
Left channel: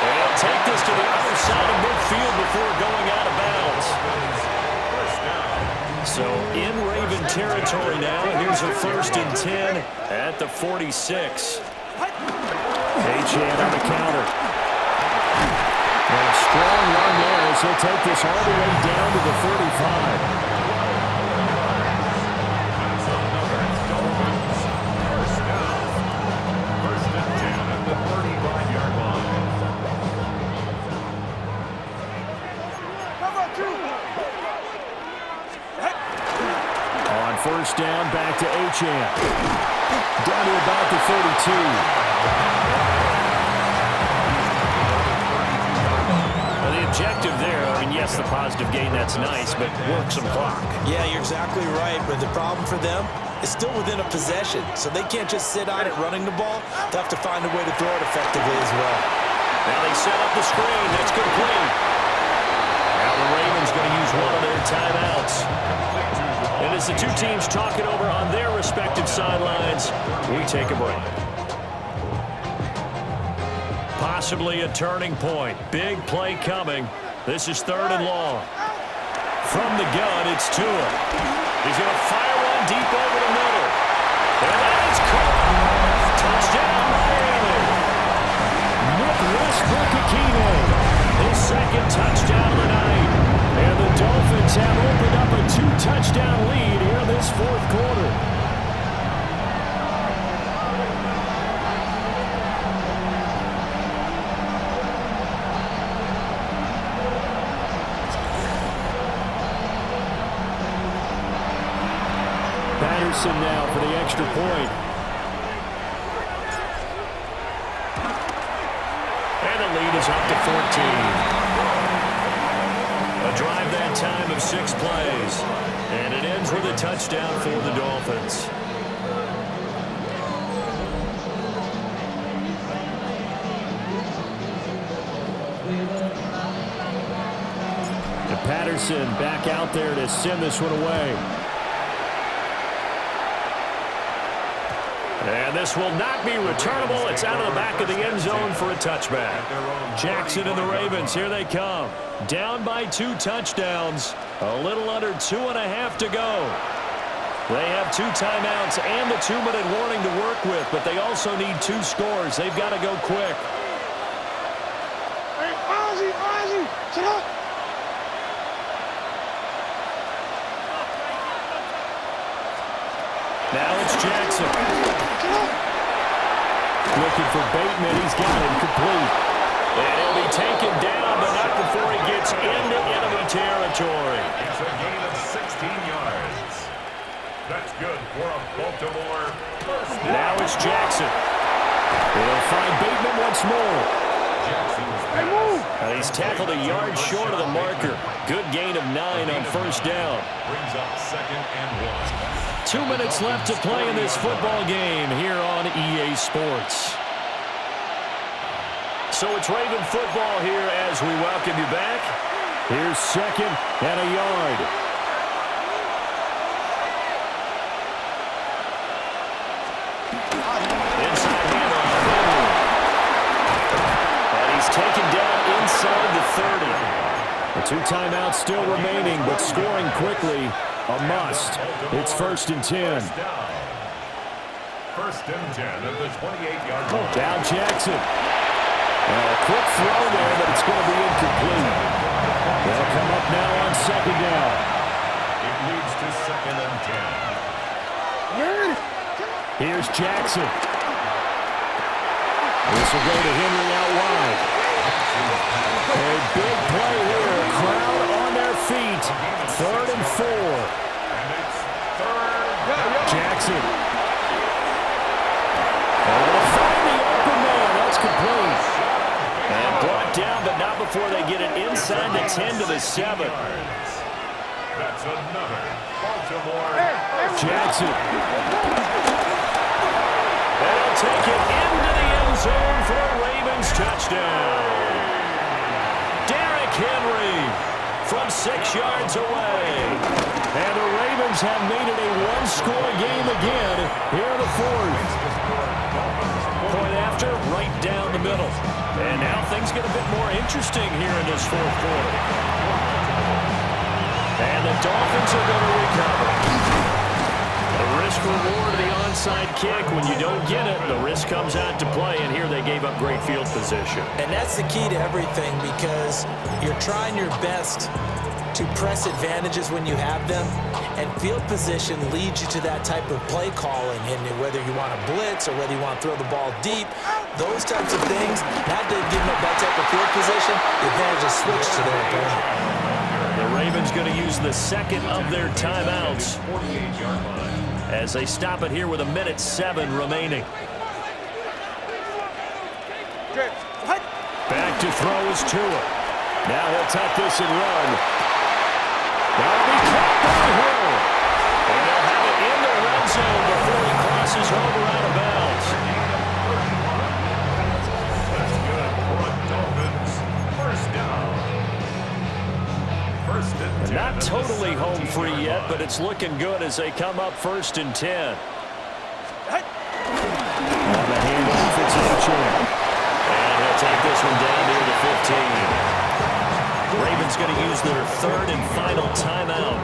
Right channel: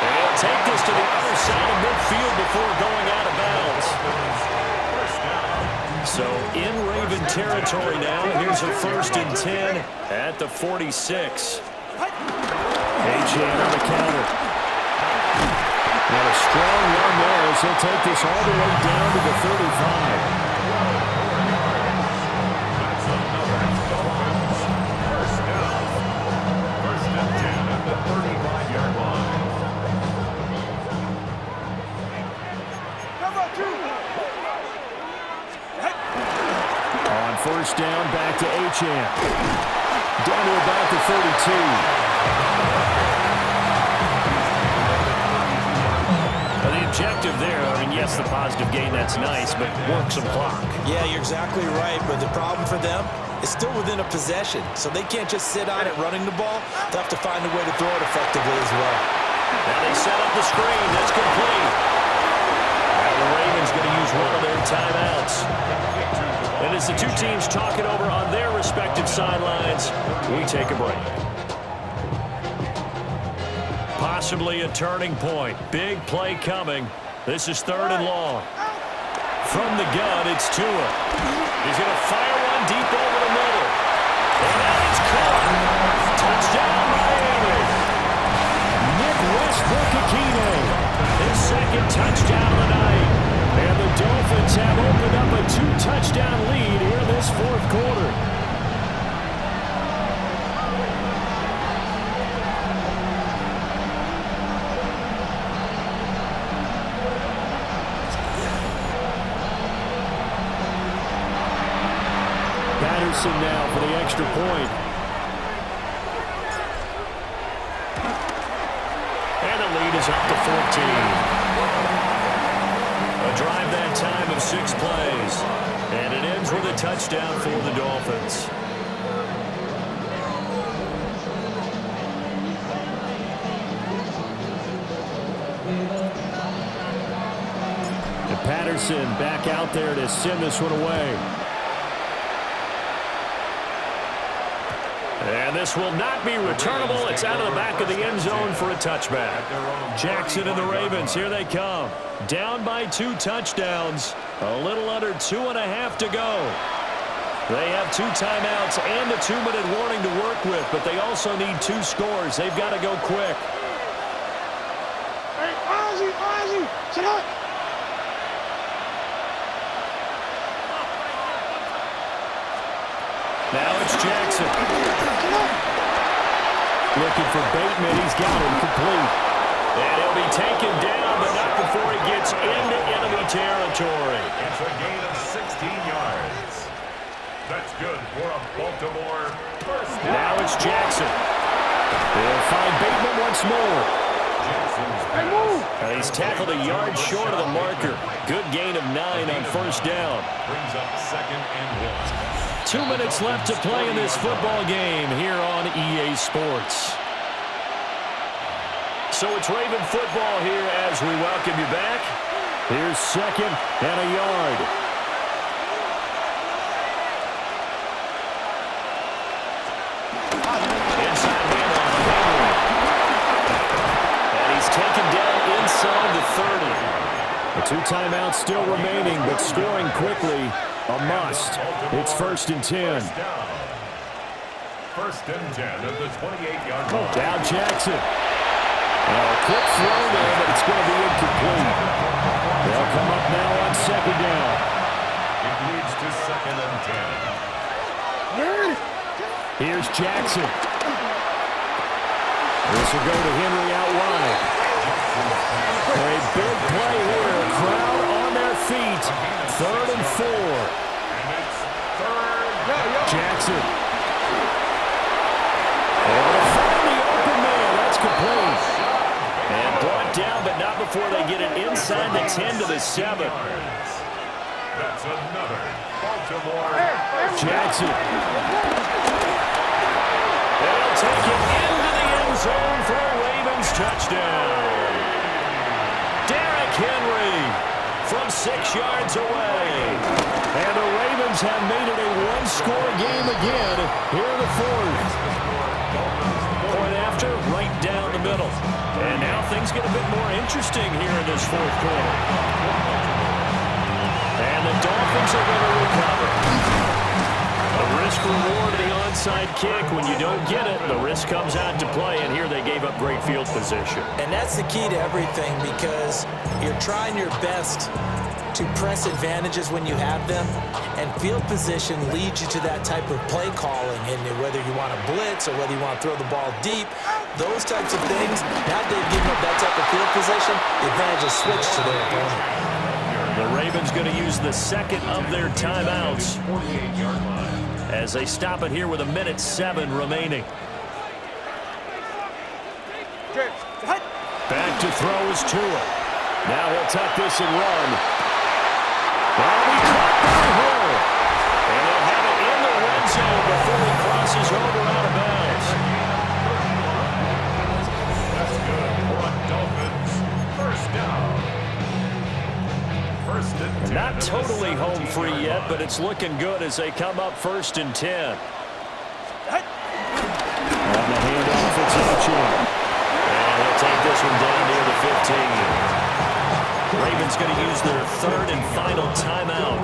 And he'll take this to the other side of midfield before going out of bounds. So in Raven territory now, here's a 1st and 10 at the 46. Achane on the counter. And a strong run there as he'll take this all the way down to the 35. On 1st down, back to Achane. Down to about the 32. Well, the objective there, I mean, yes, the positive gain, that's nice, but work some clock. Yeah, you're exactly right, but the problem for them is still within a possession, so they can't just sit on it running the ball. They'll have to find a way to throw it effectively as well. Now they set up the screen. That's complete. Now the Ravens going to use one of their timeouts. And as the two teams talk it over on their respective sidelines, we take a break. Possibly a turning point. Big play coming. This is 3rd and long. From the gun, it's Tua. He's going to fire one deep over the middle. And that is caught. Touchdown, Miami. Nick Westbrook-Ikhine. His 2nd touchdown of the night. And the Dolphins have opened up a 2-touchdown lead here in this 4th quarter. Patterson now for the extra point. And And the lead is up to 14. A drive that time of 6 plays. And it ends with a touchdown for the Dolphins. And Patterson back out there to send this one away. And this will not be returnable. It's out of the back of the end zone for a touchback. Jackson and the Ravens, here they come. Down by 2 touchdowns. A little under 2.5 to go. They have 2 timeouts and a 2-minute warning to work with, but they also need 2 scores. They've got to go quick. Hey, Ozzy, sit up. Now it's Jackson. Looking for Bateman. He's got him complete. And he'll be taken down, but not before he gets into enemy territory. It's a gain of 16 yards. That's good for a Baltimore first down. Now it's Jackson. They'll find Bateman once more. Jackson's Hey, move. And he's tackled a yard short of the marker. Good gain of 9 on first down. Brings up 2nd and 1. 2 minutes left to play in this football game here on EA Sports. So it's Raven football here as we welcome you back. Here's 2nd and a yard. Inside handoff, Henry. And he's taken down inside the 30. The 2 timeouts still remaining, but scoring quickly, a must. It's 1st and 10. First and 10 at the 28-yard line. Down Jackson. A quick throw there, but it's going to be incomplete. They'll come up now on 2nd down. It leads to 2nd and 10. Here's Jackson. This will go to Henry out wide. A big play here. Crowd on their feet. 3rd and 4. And it's 3rd. Jackson. Able to find the open man. That's complete. And brought down, but not before they get it inside the 10 to the 7. That's another Baltimore. Jackson. They'll take it into the end zone for a Ravens touchdown. Derrick Henry from 6 yards away. And the Ravens have made it a 1-score game again here in the 4th. Point after, right down the middle. And now things get a bit more interesting here in this 4th quarter. And the Dolphins are going to recover. The risk-reward of the onside kick. When you don't get it, the risk comes out to play, and here they gave up great field position. And that's the key to everything, because you're trying your best to press advantages when you have them, and field position leads you to that type of play calling. And whether you want to blitz or whether you want to throw the ball deep, those types of things, now they've given up that type of field position, the advantage is switched to their opponent. The Ravens going to use the 2nd of their timeouts 48-yard line. as they stop it here with 1:07 remaining. Back to throw is Tua. Now he'll tuck this and run. That'll be caught by Hill. And he'll have it in the red zone before he crosses over out of bounds. That's good for a Dolphins first down. First and 10. Not totally home free yet, but it's looking good as they come up 1st and 10. On the handoff, it's Achan. And he'll take this one down near the 15. Ravens going to use their 3rd and final timeout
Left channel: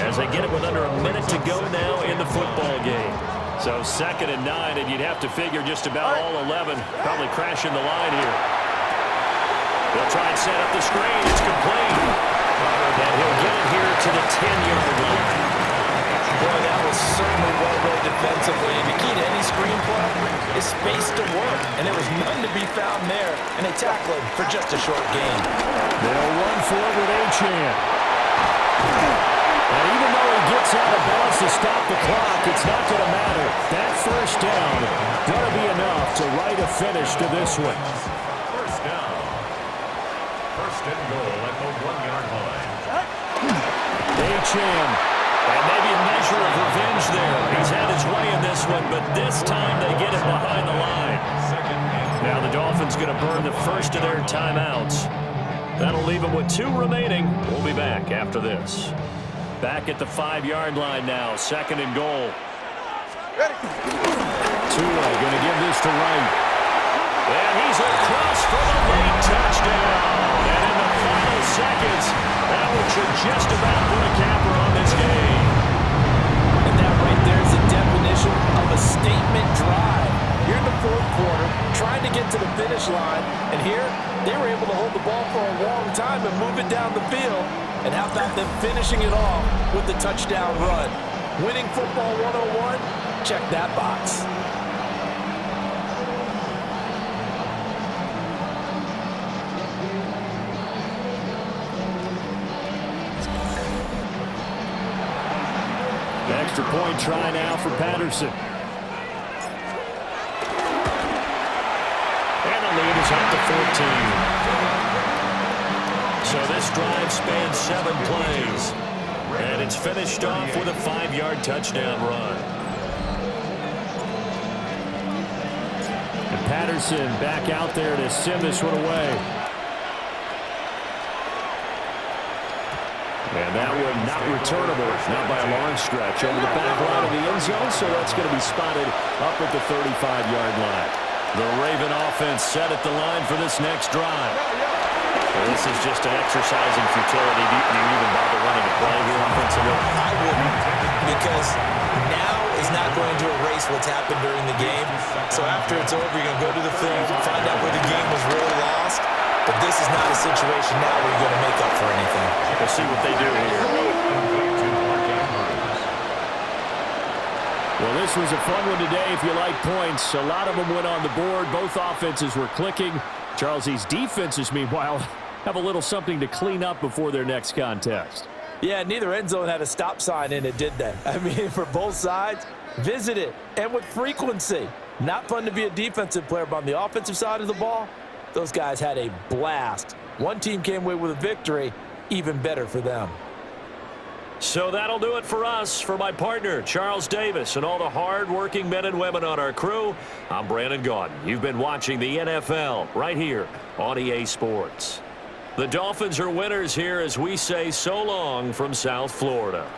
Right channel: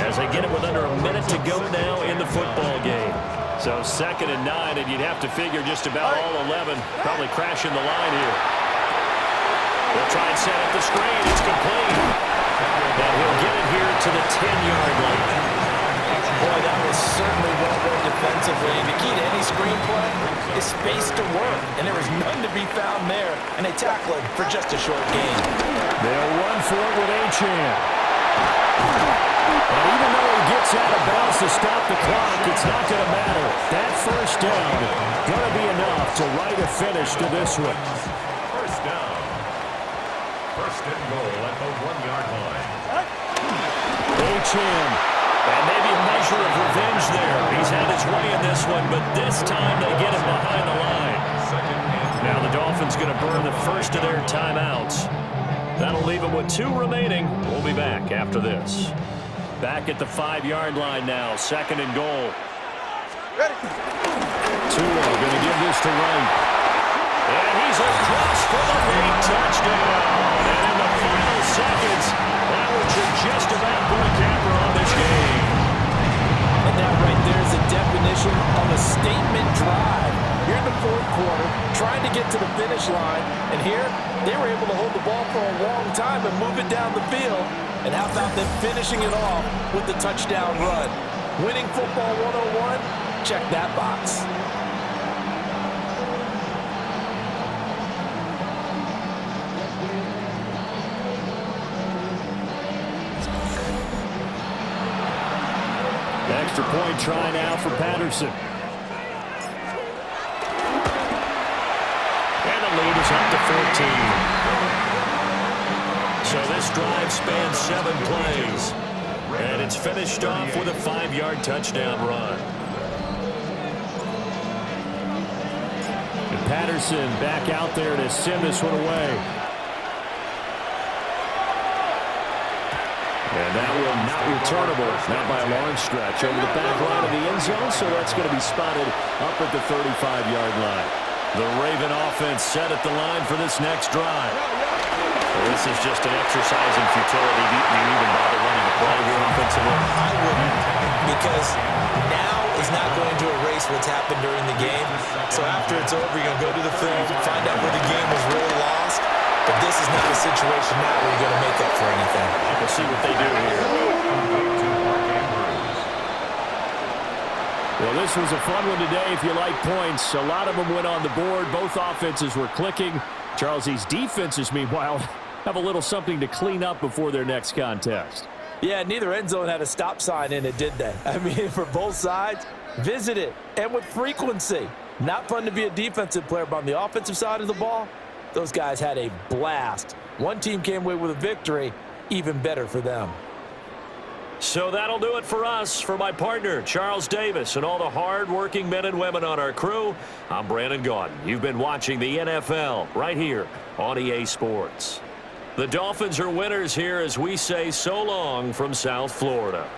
as they get it with under 1 minute to go now in the football game. So 2nd and 9, and you'd have to figure just about all 11 probably crashing the line here. They'll try and set up the screen. It's complete. And he'll get it here to the 10-yard line. Boy, that was certainly well-read defensively. And the key to any screenplay is space to work. And there was none to be found there. And they tackle it for just a short gain. They'll run for it with Achan. And even though he gets out of bounds to stop the clock, it's not going to matter. That first down going to be enough to write a finish to this one. first down. First and goal at the 1-yard line. Achane. And maybe a measure of revenge there. He's had his way in this one, but this time they get him behind the line. Now the Dolphins going to burn the first of their timeouts. That'll leave them with 2 remaining. We'll be back after this. Back at the 5-yard line now. Second and goal. Ready. Tua going to give this to Wright. And he's across for the late touchdown. And in the final seconds, that one should just about put a capper on this game. And that right there is the definition of a statement drive. You're in the 4th quarter, trying to get to the finish line, and here they were able to hold the ball for a long time and move it down the field. And how about them finishing it off with the touchdown run? Winning football 101? Check that box. Extra point try now for Patterson. And the lead is up to 14. So this drive spans 7 plays. And it's finished off with a 5-yard touchdown run. And Patterson back out there to send this one away. And that one not returnable, not by a long stretch, over the back line of the end zone, so that's going to be spotted up at the 35-yard line. The Raven offense set at the line for this next drive. Well, this is just an exercise in futility. Do you even bother running a play here offensively? I wouldn't, because now is not going to erase what's happened during the game. So after it's over, you're going to go to the film, find out where the game was really lost. But this is not a situation now where you're going to make up for anything. We'll see what they do here. Well, this was a fun one today if you like points. A lot of them went on the board. Both offenses were clicking. Charles, these defenses, meanwhile, have a little something to clean up before their next contest. Yeah, neither end zone had a stop sign in it, did they? I mean, for both sides, visit it, and with frequency. Not fun to be a defensive player, but on the offensive side of the ball, those guys had a blast. One team came away with a victory, even better for them. So that'll do it for us. For my partner, Charles Davis, and all the hard-working men and women on our crew, I'm Brandon Gaudin. You've been watching the NFL right here on EA Sports. The Dolphins are winners here as we say so long from South Florida.